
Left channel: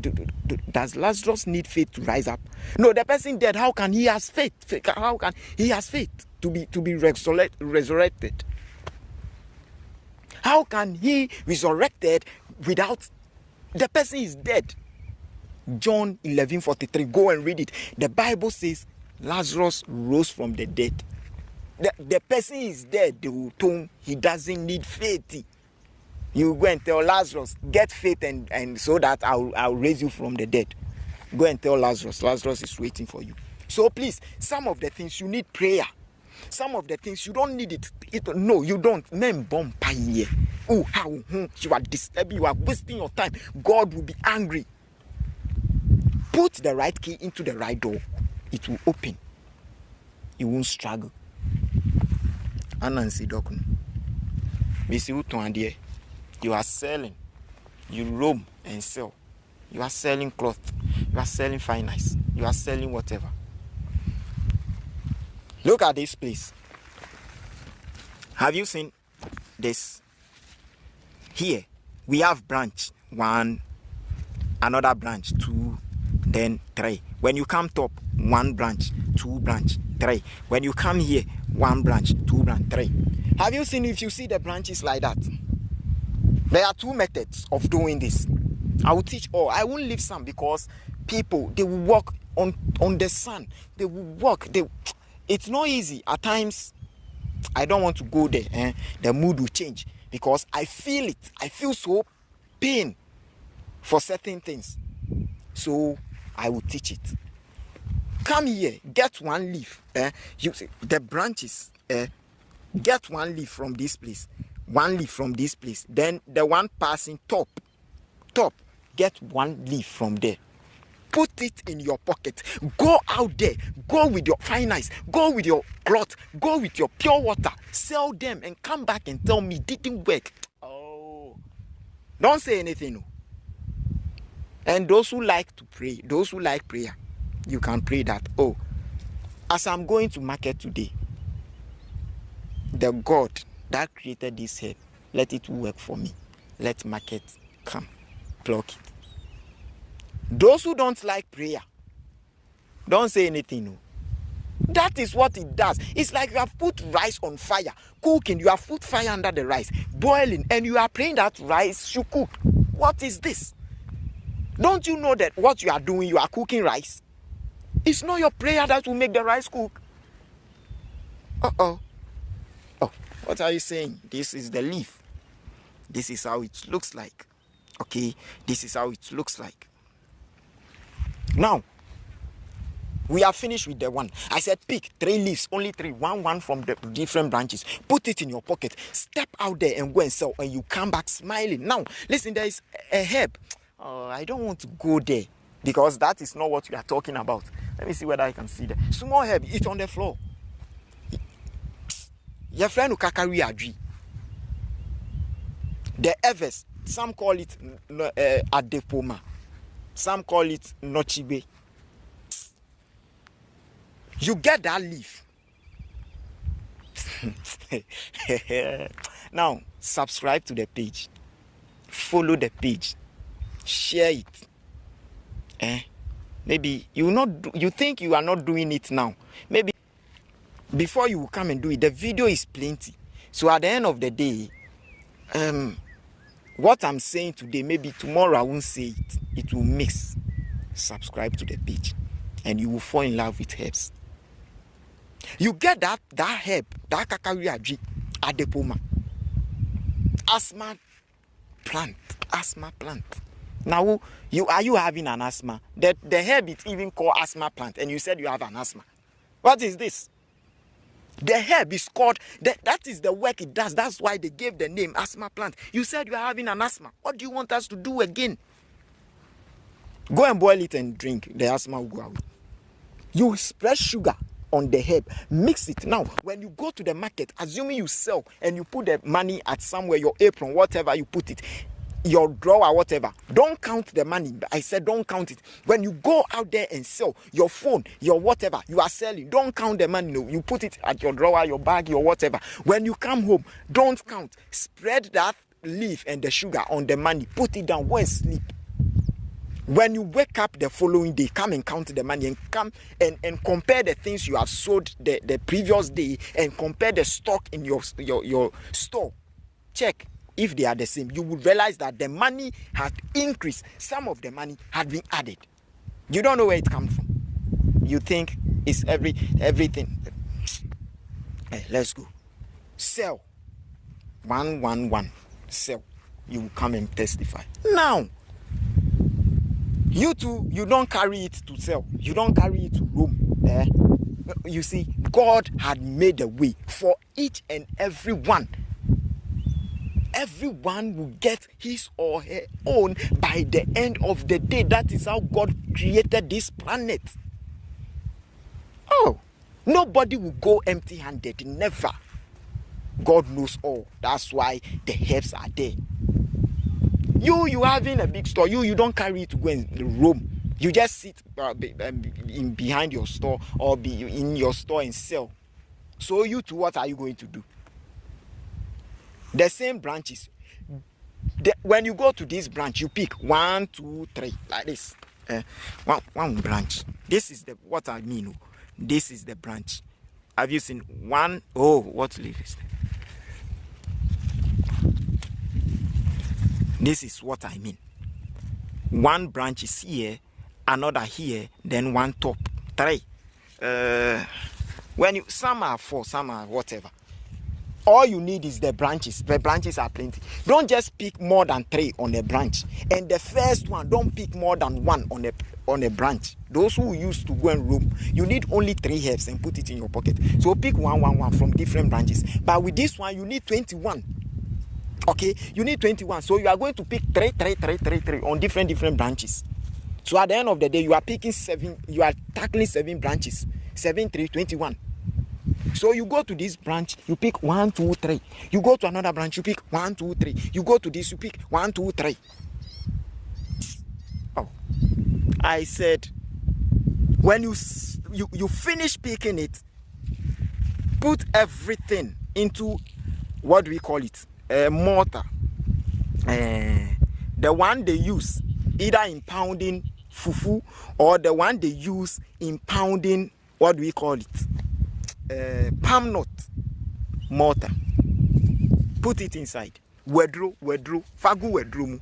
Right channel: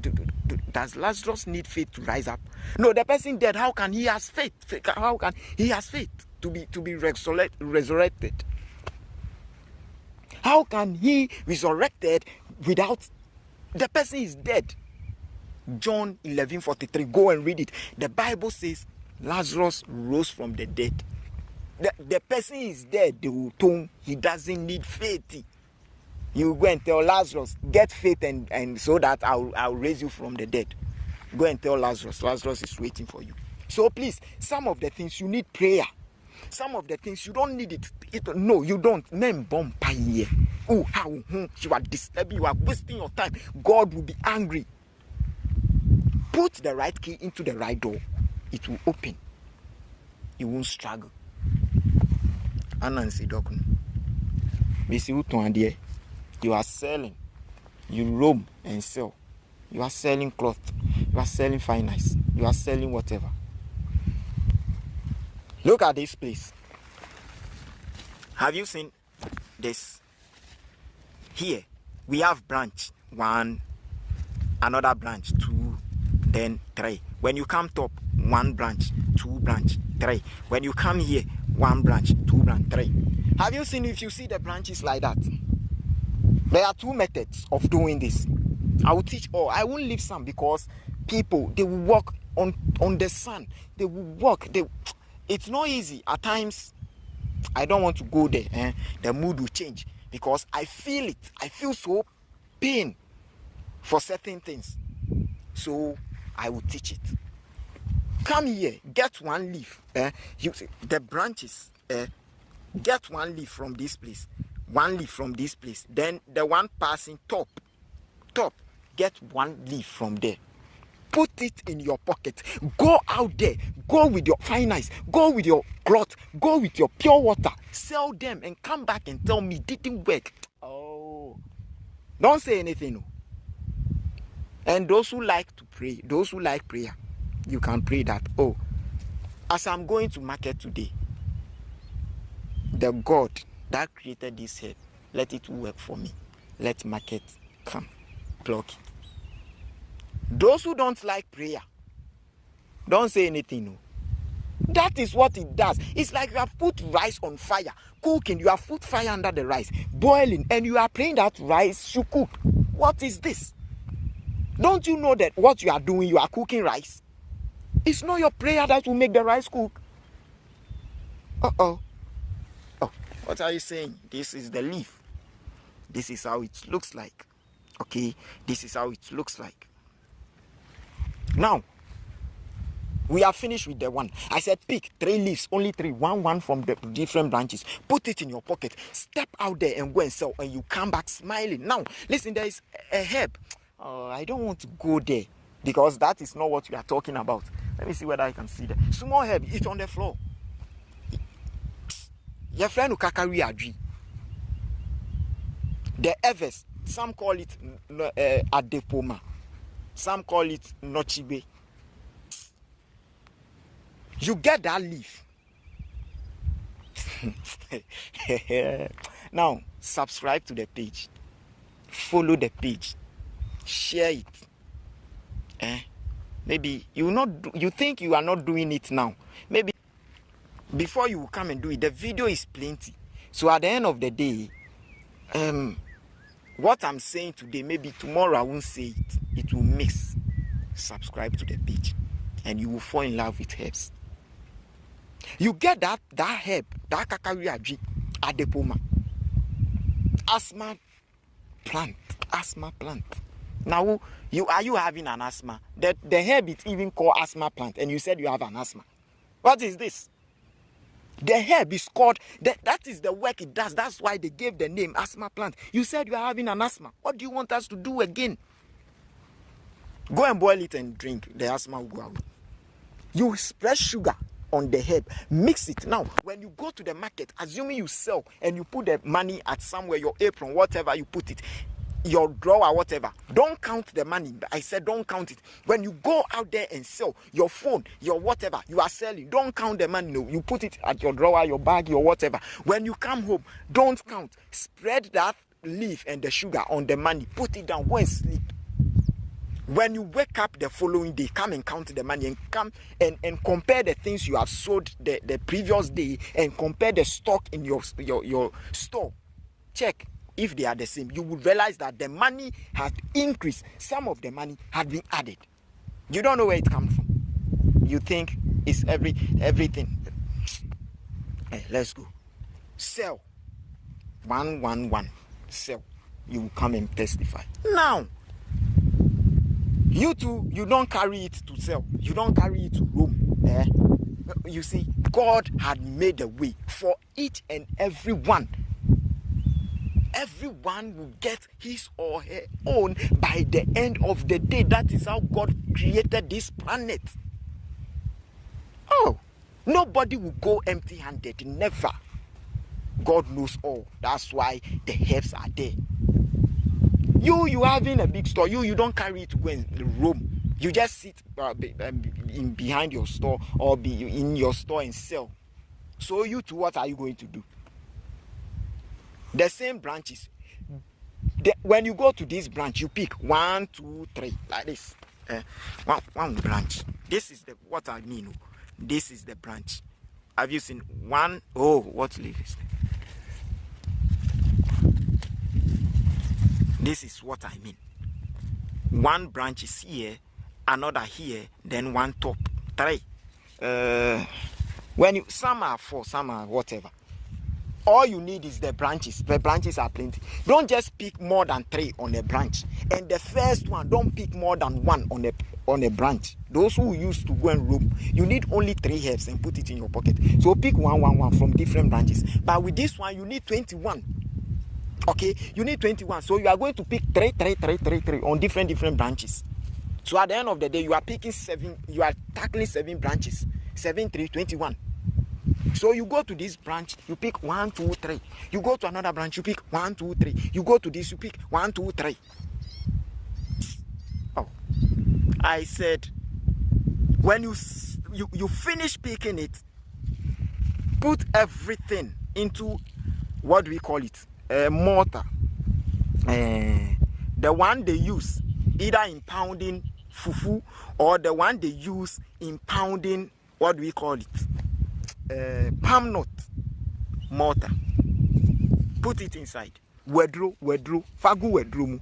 Lazarus need faith to rise up? No, the person dead. How can he have faith? How can he have faith to be resurrected? How can he resurrected without the person is dead? John 11:43. Go and read it. The Bible says Lazarus rose from the dead. The person is dead. He doesn't need faith. You go and tell Lazarus, get faith and so that I'll raise you from the dead. Go and tell Lazarus. Lazarus is waiting for you. So please, some of the things you need prayer. Some of the things you don't need it. No, you don't. Oh, how you are disturbing, you are wasting your time. God will be angry. Put the right key into the right door. It will open. You won't struggle. Ananse Dokono. You are selling. You roam and sell. You are selling cloth. You are selling finance. You are selling whatever. Look at this place. Have you seen this? Here, we have branch 1, another branch 2, then 3. When you come top, 1 branch, 2 branch, 3. When you come here, 1 branch, 2 branch, 3. Have you seen if you see the branches like that? There are 2 methods of doing this. I will teach all. I won't leave some because people, they will walk on the sun. They will walk. It's not easy. At times, I don't want to go there. The mood will change because I feel it. I feel so pain for certain things. So I will teach it. Come here, get 1 leaf. You see, the branches. Get 1 leaf from this place. 1 leaf from this place. Then the one passing top. Get 1 leaf from there. Put it in your pocket. Go out there. Go with your finance. Go with your cloth. Go with your pure water. Sell them and come back and tell me didn't work. Oh. Don't say anything. No. And those who like to pray, those who like prayer, you can pray that, oh, As I'm going to market today, the God that created this herb, let it work for me. Let market come, pluck it. Those who don't like prayer, don't say anything. No. That is what it does. It's like you have put rice on fire, cooking. You have put fire under the rice, boiling, and you are praying that rice should cook. What is this? Don't you know that what you are doing, you are cooking rice? It's not your prayer that will make the rice cook. Oh, what are you saying? This is the leaf. This is how it looks like. Okay, this is how it looks like. Now, we are finished with the one. I said pick 3 leaves, only 3, one from the different branches. Put it in your pocket. Step out there and go and sell, and you come back smiling. Now, listen, there is a herb. I don't want to go there because that is not what we are talking about. Let me see whether I can see that. Small herb, it's on the floor. Your friend who kakari adri. The Evers, some call it adepoma. Some call it nochibe. You get that leaf. Now, subscribe to the page. Follow the page. Share it. Maybe you think you are not doing it now. Maybe before you come and do it, the video is plenty. So at the end of the day, what I'm saying today, maybe tomorrow I won't say it. It will mix. Subscribe to the page, and you will fall in love with herbs. You get that herb, that kakari adepoma, asthma plant. Now, are you having an asthma? The herb is even called asthma plant, and you said you have an asthma. What is this? The herb is called, that is the work it does. That's why they gave the name asthma plant. You said you are having an asthma. What do you want us to do again? Go and boil it and drink. The asthma will go away. You spread sugar on the herb, mix it. Now, when you go to the market, assuming you sell and you put the money at somewhere, your apron, whatever you put it, your drawer, whatever, don't count the money. I said don't count it. When you go out there and sell your phone, your whatever you are selling, don't count the money. No, you put it at your drawer, your bag, your whatever. When you come home, don't count. Spread that leaf and the sugar on the money. Put it down. Go and sleep. When you wake up the following day, come and count the money and come and compare the things you have sold the previous day and compare the stock in your store. Check if they are the same. You will realize that the money had increased. Some of the money had been added. You don't know where it comes from. You think it's everything. Hey, let's go. Sell. 111. Sell. You will come and testify. Now, you too, you don't carry it to sell. You don't carry it to roam. You see, God had made a way for each and every one. Everyone will get his or her own by the end of the day. That is how God created this planet. Oh, nobody will go empty-handed. Never. God knows all. That's why the herbs are there. You having a big store, you don't carry it to go and roam. You just sit behind your store or be in your store and sell. So you too, what are you going to do? The same branches. When you go to this branch, you pick 1, 2, 3 like this. One branch. This is what I mean. This is the branch. Have you seen one? Oh, what leaf is that? This is what I mean. One branch is here, another here, then one top. 3. Some are 4, some are whatever. All you need is the branches. The branches are plenty. Don't just pick more than 3 on a branch. And the first one, don't pick more than 1 on a branch. Those who used to go and roam, you need only 3 herbs and put it in your pocket. So pick 1 from different branches. But with this one, you need 21. Okay, you need 21. So you are going to pick 3 on different branches. So at the end of the day, you are picking 7. You are tackling 7 branches. 7, 3, 21. So you go to this branch, you pick 1, 2, 3. You go to another branch, you pick 1, 2, 3. You go to this, you pick 1, 2, 3. Oh, I said, when you you finish picking it, put everything into, what do we call it, a mortar, the one they use either in pounding fufu or the one they use in pounding, what do we call it, palm nut mortar. Put it inside. Wedro, fagu wedro mu.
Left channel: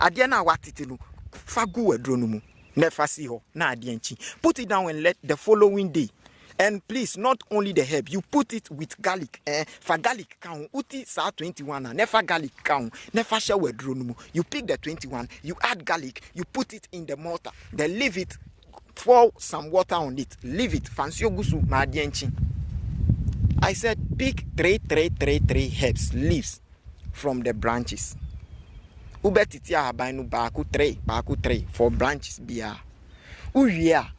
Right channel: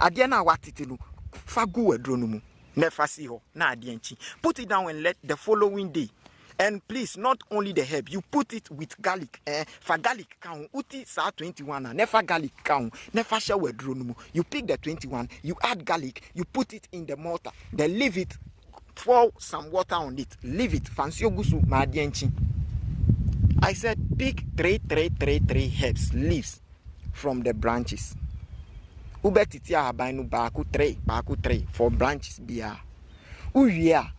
Adia na watiti no, fagu wedro no mu. Never see ho, na adienchi. Put it down and let the following day. And please, not only the herb, you put it with garlic. For garlic count, uti sa 21 and never garlic count, never share wedro no mu. You pick the 21, you add garlic, you put it in the mortar, then leave it, pour some water on it, leave it. Fancy ogusu ma adienchi. I said pick three herbs, leaves from the branches. Ubetitia habainu baku three for branches bia. Uya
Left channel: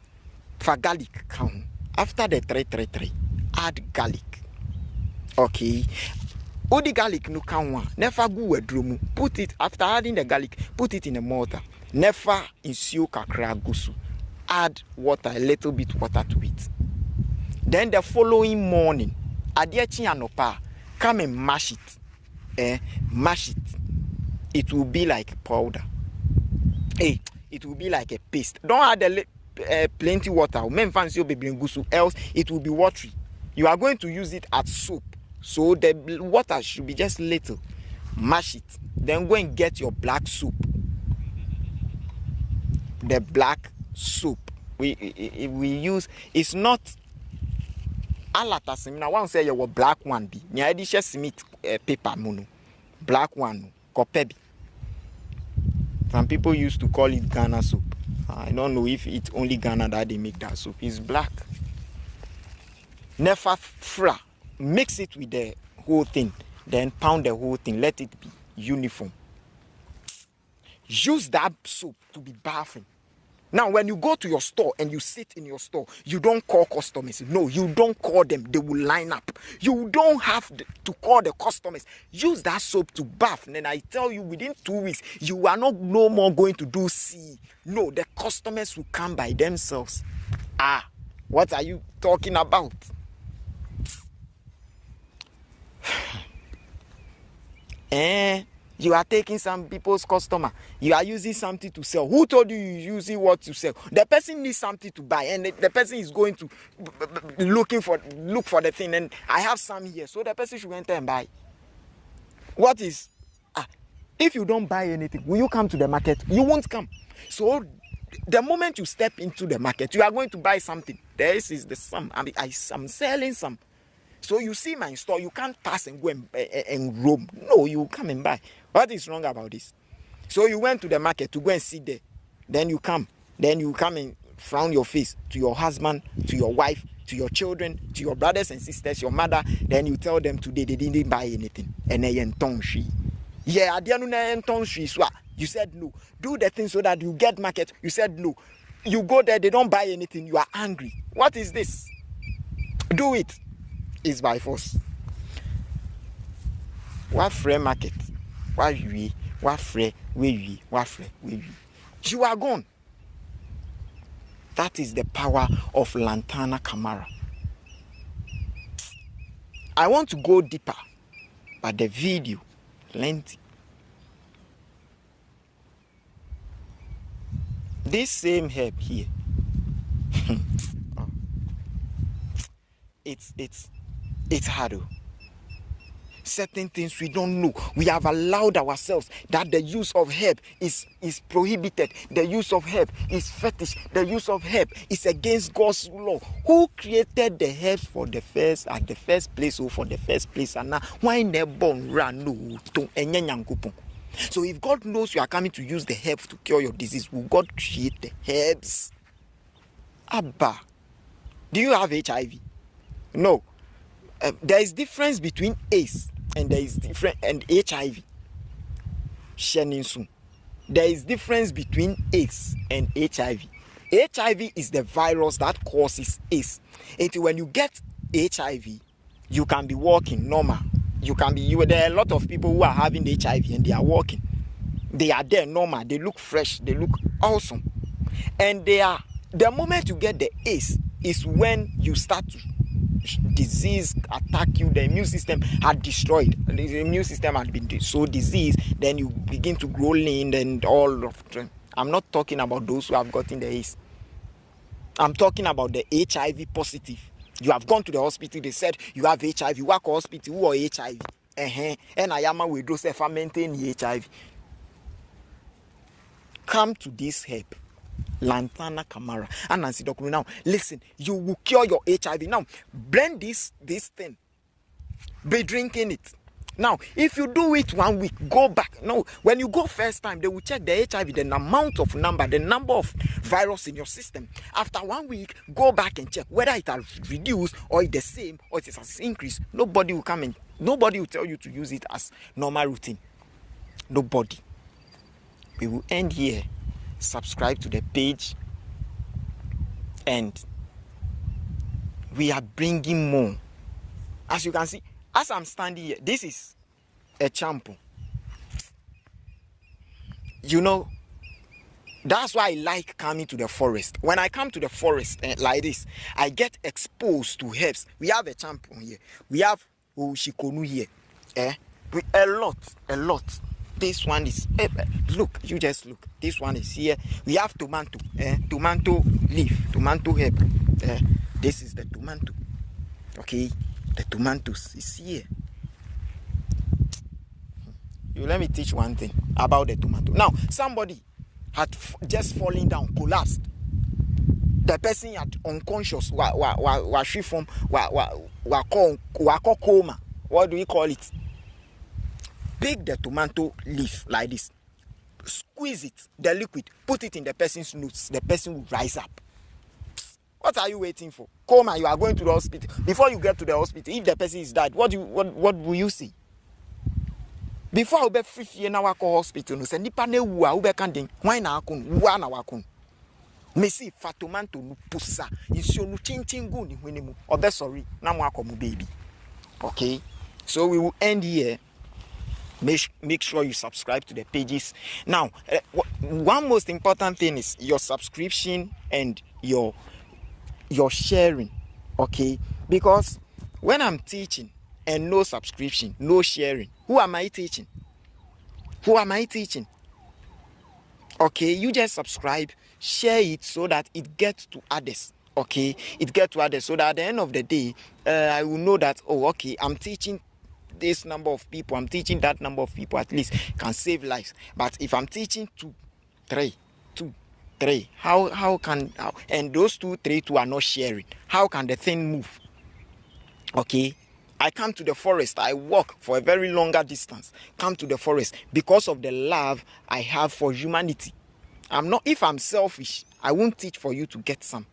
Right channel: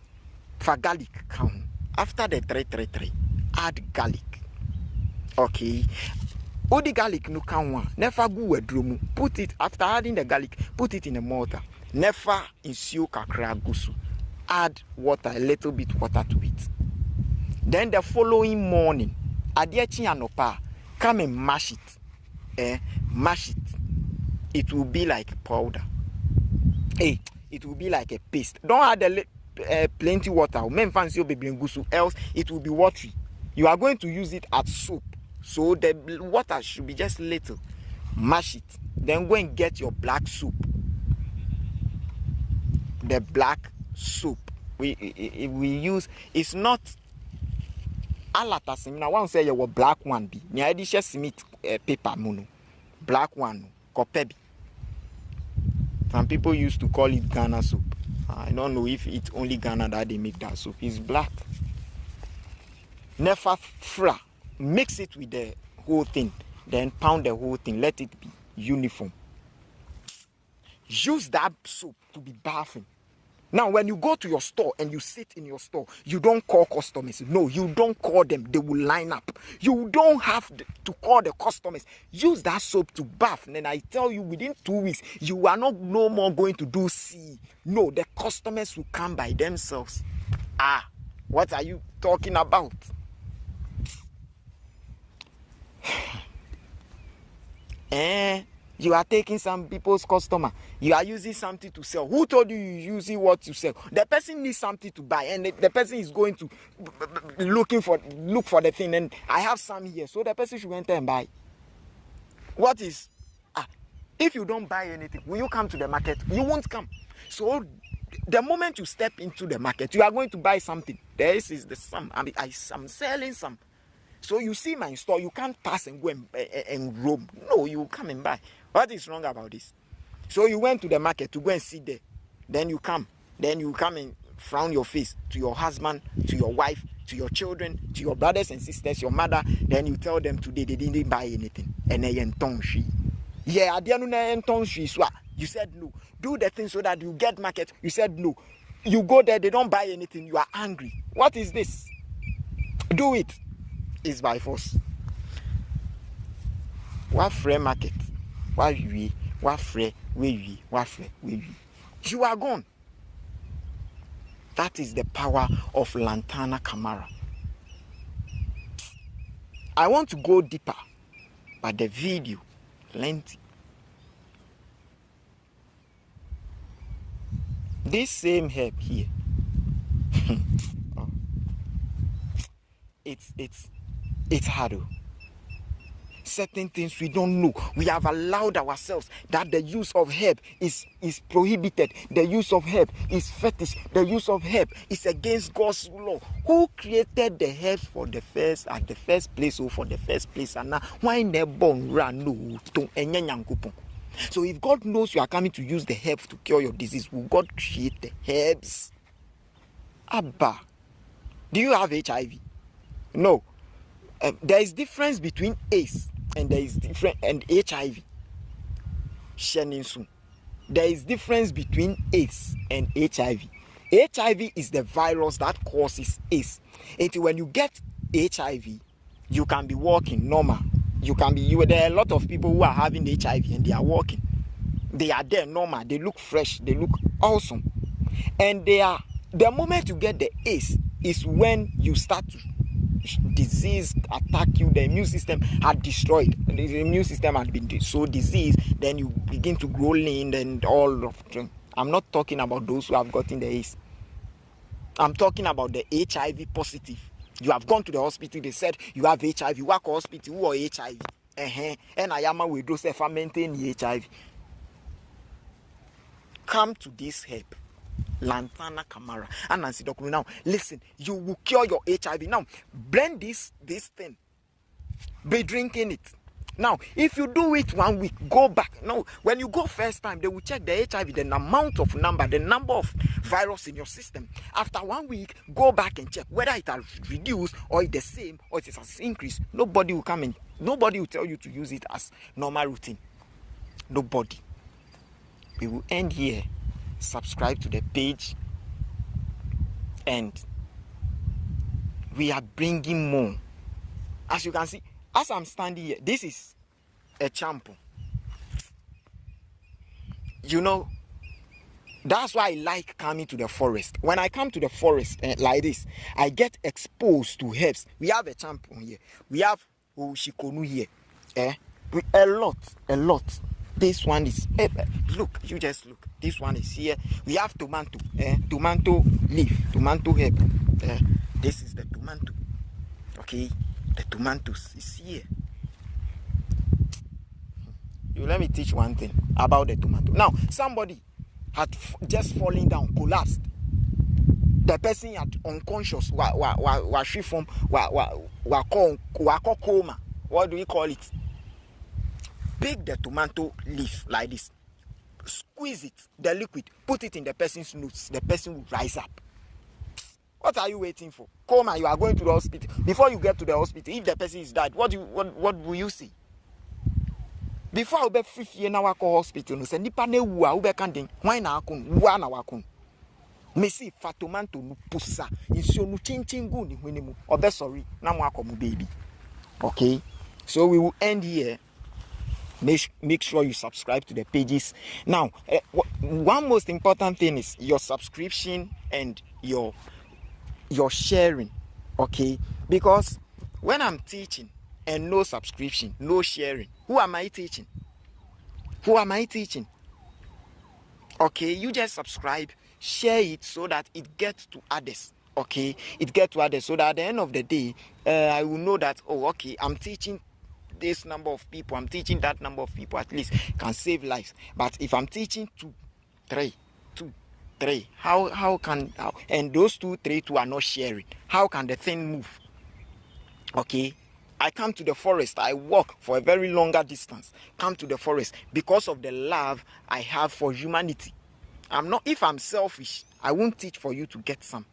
for garlic count. After the three, add garlic. Okay. Udi garlic no count. Never go wedrumu. Put it after adding the garlic. Put it in a mortar. Never insure kakra gusu. Add water, a little bit water to it. Then the following morning, adiechi anopa, come and mash it. Mash it. It will be like powder. It will be like a paste. Don't add plenty water. Else it will be watery. You are going to use it as soap. So the water should be just little. Mash it. Then go and get your black soup. The black soup. We use, it's not alata. Now one say your black one be. Me I just submit paper mono. Black one. Kopebi. Some people used to call it Ghana soup. I don't know if it's only Ghana that they make that soup. It's black. Never fra. Mix it with the whole thing. Then pound the whole thing. Let it be uniform. Use that soup to be bathing. Now, when you go to your store and you sit in your store, you don't call customers. No, you don't call them. They will line up. You don't have to call the customers. Use that soap to bath. And then I tell you, within 2 weeks, you are not no more going to do C. No, the customers will come by themselves. What are you talking about? You are taking some people's customer. You are using something to sell. Who told you you're using what to sell? The person needs something to buy, and the person is going to look for the thing. And I have some here, so the person should enter and buy. What is? If you don't buy anything, will you come to the market? You won't come. So the moment you step into the market, you are going to buy something. This is the sum. I'm selling some. So you see my store, you can't pass and go and roam. No, you come and buy. What is wrong about this? So you went to the market to go and sit there. Then you come. Then you come and frown your face to your husband, to your wife, to your children, to your brothers and sisters, your mother. Then you tell them today they didn't buy anything. And they yeah, you said no. Do the thing so that you get market. You said no. You go there, they don't buy anything. You are angry. What is this? Do it. Is by force. What free market? What free? You are gone. That is the power of Lantana Camara. I want to go deeper, but the video lengthy. This same herb here. It's hard. Certain things we don't know. We have allowed ourselves that the use of herb is prohibited. The use of herb is fetish. The use of herb is against God's law. Who created the herb for the first at the first place or for the first place? And now why never born run no to. So if God knows you are coming to use the herb to cure your disease, will God create the herbs? Abba, do you have HIV? No. There is difference between AIDS and HIV. There is difference between AIDS and HIV. HIV is the virus that causes AIDS. And when you get HIV, you can be walking normal. There are a lot of people who are having the HIV and they are walking. They are there normal. They look fresh. They look awesome. And the moment you get the AIDS, is when you start to disease attack you, the immune system had destroyed. The immune system had been so diseased, then you begin to grow lean and all of them. I'm not talking about those who have gotten the AIDS. I'm talking about the HIV positive. You have gone to the hospital, they said you have HIV. You work at hospital, who are HIV? And I am with those who maintain HIV. Come to this herb, Lantana, Camara, Ananse, Dokono. Now, listen, you will cure your HIV. Now, blend this thing. Be drinking it. Now, if you do it 1 week, go back. No, when you go first time, they will check the HIV, the amount of number, the number of virus in your system. After 1 week, go back and check whether it has reduced or it's the same or it has increased. Nobody will come in. Nobody will tell you to use it as normal routine. Nobody. We will end here. Subscribe to the page, and we are bringing more. As you can see, as I'm standing here, this is a shampoo. You know, that's why I like coming to the forest. When I come to the forest like this, I get exposed to herbs. We have a shampoo here. We have Shikonu here. A lot. This one is, look, you just look. This one is here. We have tomato, tomato leaf, tomato herb. This is the tomato. Okay, the tomatoes is here. Let me teach one thing about the tomato. Now, somebody had just fallen down, collapsed. The person had unconscious, coma. What do we call it? Pick the tomato leaf like this, squeeze it, the liquid, put it in the person's nose. The person will rise up. What are you waiting for? Coma, you are going to the hospital. Before you get to the hospital, if the person is dead, what will you see? Before I be free in our hospital, no say nipa ne wu a ube kandin, why na akun, wa na wakun. Mesi fatomanto no pusa, inso no chinchin gu ni hwene mu. Obe sorry, na mo akomu baby. Okay, so we will end here. Make sure you subscribe to the pages. Now, one most important thing is your subscription and your sharing. Okay, because when I'm teaching and no subscription, no sharing, who am I teaching? Okay, you just subscribe, share it so that it gets to others. Okay, it gets to others so that at the end of the day, I will know that, oh, okay, I'm teaching this number of people, I'm teaching that number of people, at least can save lives. But if I'm teaching 2, 3, how can, and those 2, 3, 2 are not sharing, how can the thing move? Okay, I come to the forest, I walk for a very longer distance, come to the forest because of the love I have for humanity. If I'm selfish, I won't teach for you to get some.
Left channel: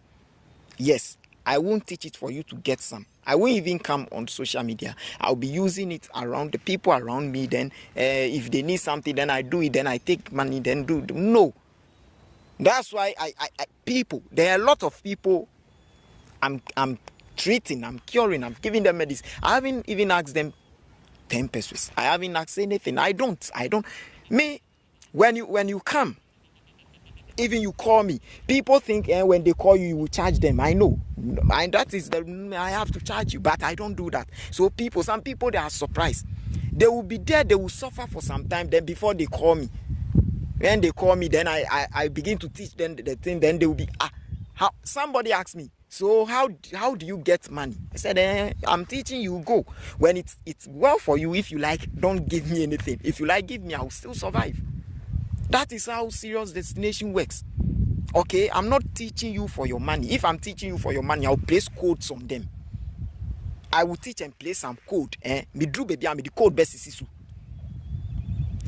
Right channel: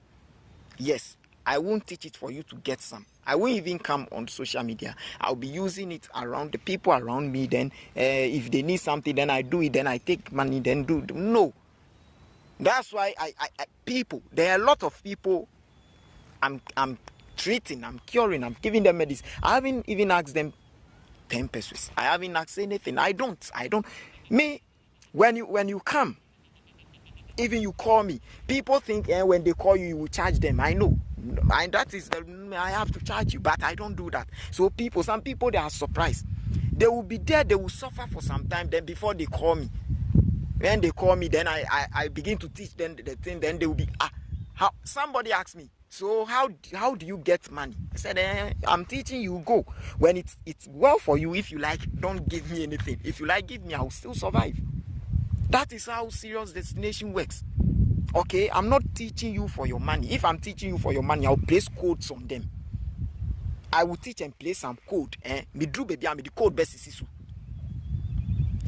Yes, I won't teach it for you to get some. I won't even come on social media. I'll be using it around the people around me. Then if they need something, then I do it. Then I take money, then do. No. That's why people, there are a lot of people I'm treating, I'm curing, I'm giving them medicine. I haven't even asked them 10 pesos. I haven't asked anything. I don't. Me, when you come, even you call me, people think when they call you, you will charge them. I know. And that is I have to charge you, but I don't do that. So some people, they are surprised. They will be there, they will suffer for some time, then before they call me. When they call me, then I begin to teach them the thing, then they will be, somebody asked me, so how do you get money? I said, I'm teaching you, go. When it's well for you, if you like, don't give me anything. If you like, give me, I will still survive. That is how SIRIUS Destination works. Okay, I'm not teaching you for your money. If I'm teaching you for your money, I'll place codes on them. I will teach and place some code. Me drew baby, I'm the code best is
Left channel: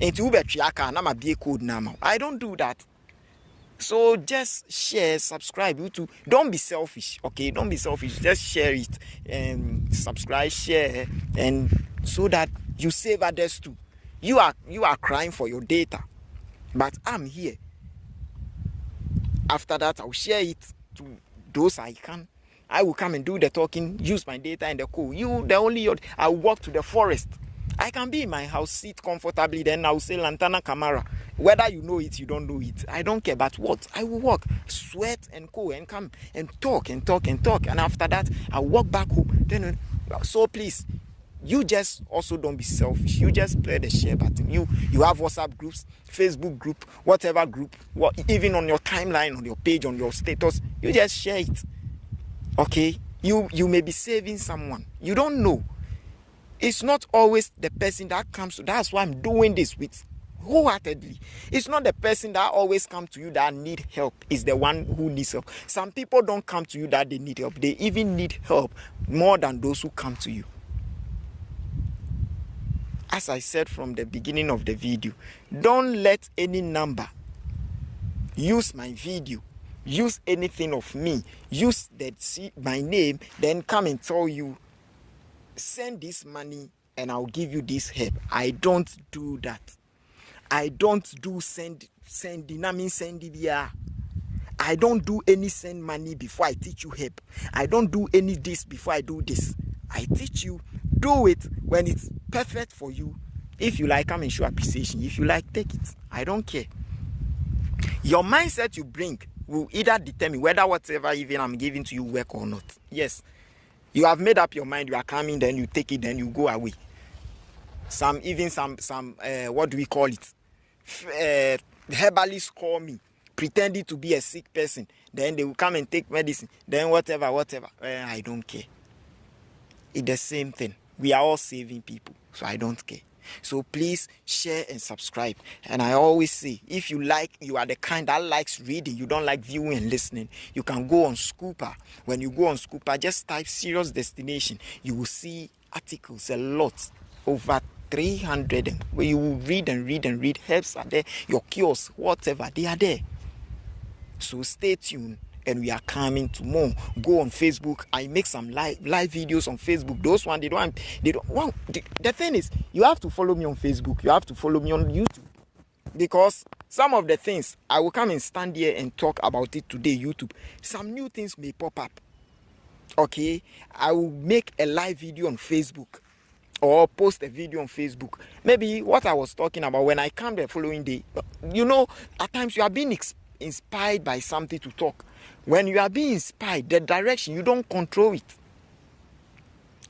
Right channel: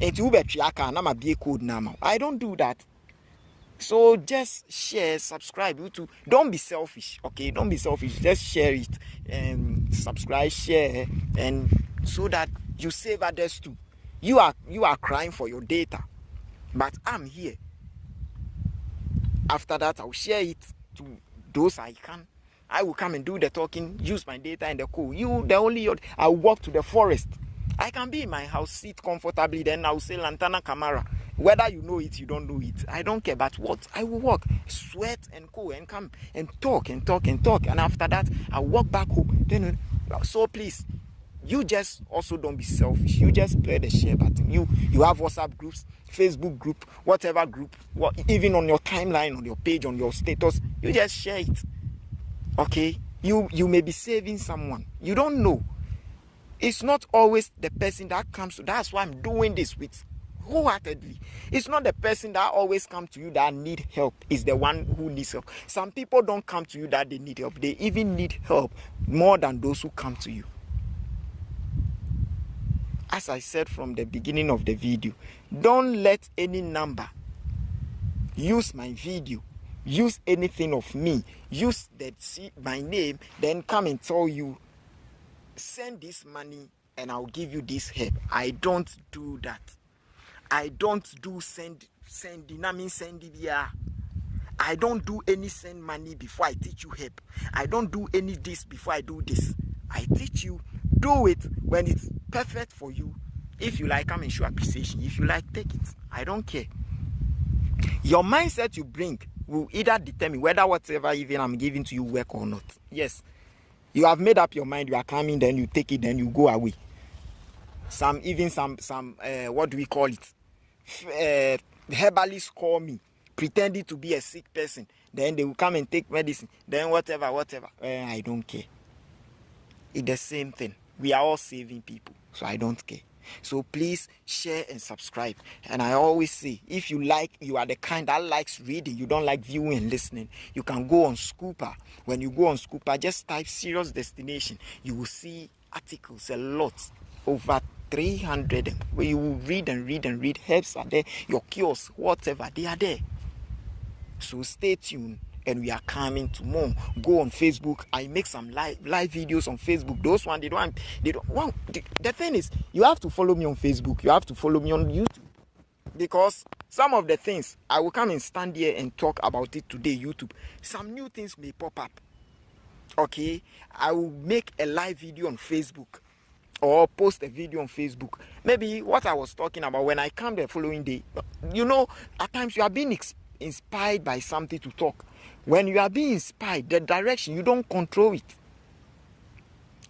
and you bet I'm a code now. I don't do that. So just share, subscribe. You too. Don't be selfish. Okay, don't be selfish. Just share it and subscribe, share, and so that you save others too. You are crying for your data. But I'm here. After that, I'll share it to those I can. I will come and do the talking, use my data and the code. I'll walk to the forest. I can be in my house, sit comfortably, then I will say Lantana Camara. Whether you know it, you don't know it, I don't care. But what? I will walk, sweat and go and come and talk and talk and talk. And after that, I walk back home. Then, so please, you just also don't be selfish. You just play the share button. You have WhatsApp groups, Facebook group, whatever group, even on your timeline, on your page, on your status, you just share it. Okay? You may be saving someone. You don't know. It's not always the person that comes to. That's why I'm doing this with wholeheartedly. It's not the person that always comes to you that need help. It's the one who needs help. Some people don't come to you that they need help. They even need help more than those who come to you. As I said from the beginning of the video, don't let any number use my video, use anything of me, use my name, then come and tell you, send this money and I'll give you this help. I don't do that. I don't do sending. I don't do any send money before I teach you help. I don't do any this before I do this. I teach you, do it when it's perfect for you. If you like, come and show appreciation. If you like, take it. I don't care. Your mindset you bring will either determine whether whatever even I'm giving to you work or not. Yes. You have made up your mind, you are coming, then you take it, then you go away. Some what do we call it? Herbalists call me, pretending to be a sick person. Then they will come and take medicine. Then whatever. I don't care. It's the same thing. We are all saving people, so I don't care. So please share and subscribe. And I always say, if you are the kind that likes reading, you don't like viewing and listening, you can go on Scooper. When you go on Scooper, just type Serious Destination. You will see articles, a lot, over 300. Where you will read and read and read. Helps are there, your cures, whatever, they are there. So stay tuned. And we are coming to more. Go on Facebook. I make some live videos on Facebook. Those ones they don't want. The thing is, you have to follow me on Facebook. You have to follow me on YouTube, because some of the things I will come and stand here and talk about it today. YouTube. Some new things may pop up. Okay, I will make a live video on Facebook or post a video on Facebook. Maybe what I was talking about when I come the following day. At times you are being inspired by something to talk. When you are being inspired, the direction, you don't control it.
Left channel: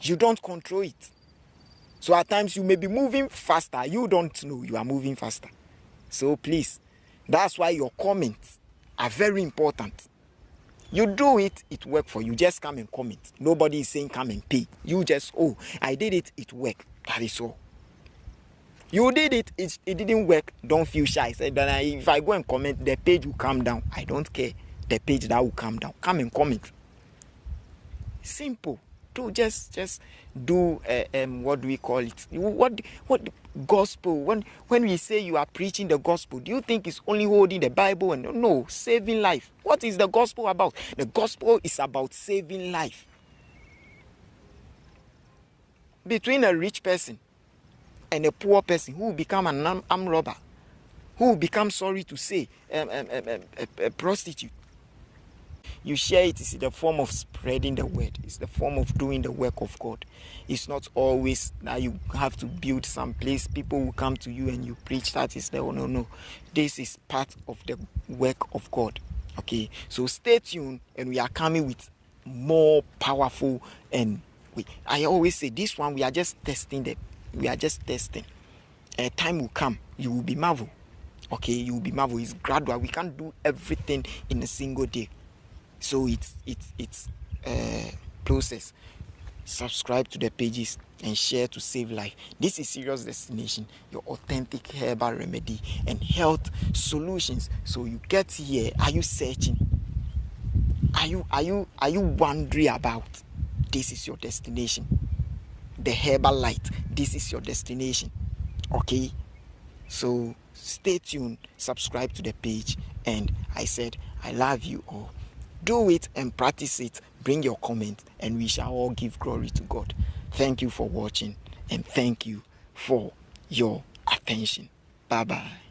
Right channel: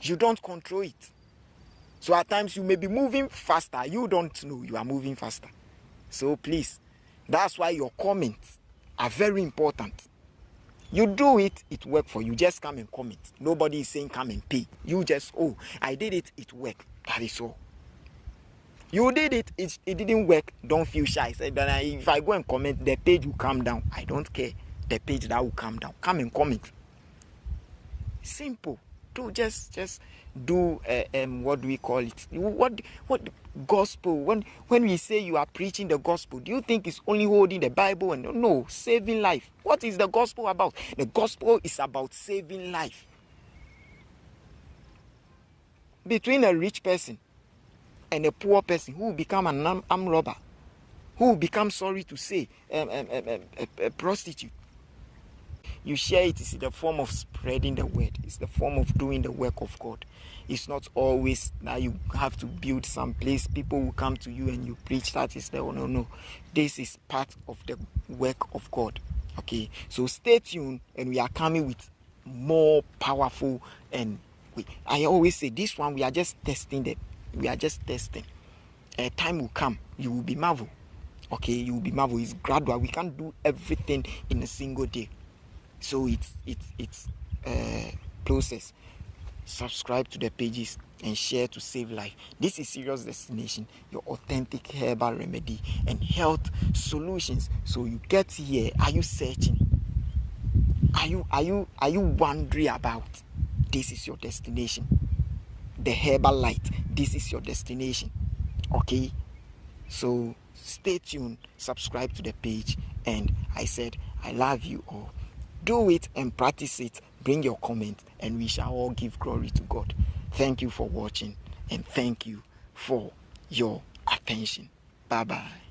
You don't control it. So at times you may be moving faster. You don't know you are moving faster. So please, that's why your comments are very important. You do it, it works for you. Just come and comment. Nobody is saying come and pay. You just, I did it, it worked. That is all. You did it, it didn't work. Don't feel shy. Say that if I go and comment, the page will come down. I don't care. The page that will come down. Come and comment. Simple. Do just do what do we call it? What gospel? When we say you are preaching the gospel, do you think it's only holding the Bible? And no, saving life. What is the gospel about? The gospel is about saving life. Between a rich person and a poor person who will become an armed robber, who will become, sorry to say, a prostitute. You share it. It's the form of spreading the word. It's the form of doing the work of God. It's not always that you have to build some place. People will come to you and you preach. That is no. This is part of the work of God. Okay, so stay tuned, and we are coming with more powerful. And I always say this one, we are just testing. Time will come, you will be marvel. Okay, you will be marvel. It's gradual. We can't do everything in a single day. So it's process. Subscribe to the pages and share to save life. This is Serious Destination, your authentic herbal remedy and health solutions. So you get here. Are you searching? Are you wondering about? This is your destination. The herbal light. This is your destination. Okay. So stay tuned. Subscribe to the page. And I said I love you all. Do it and practice it. Bring your comment, and we shall all give glory to God. Thank you for watching, and thank you for your attention. Bye-bye.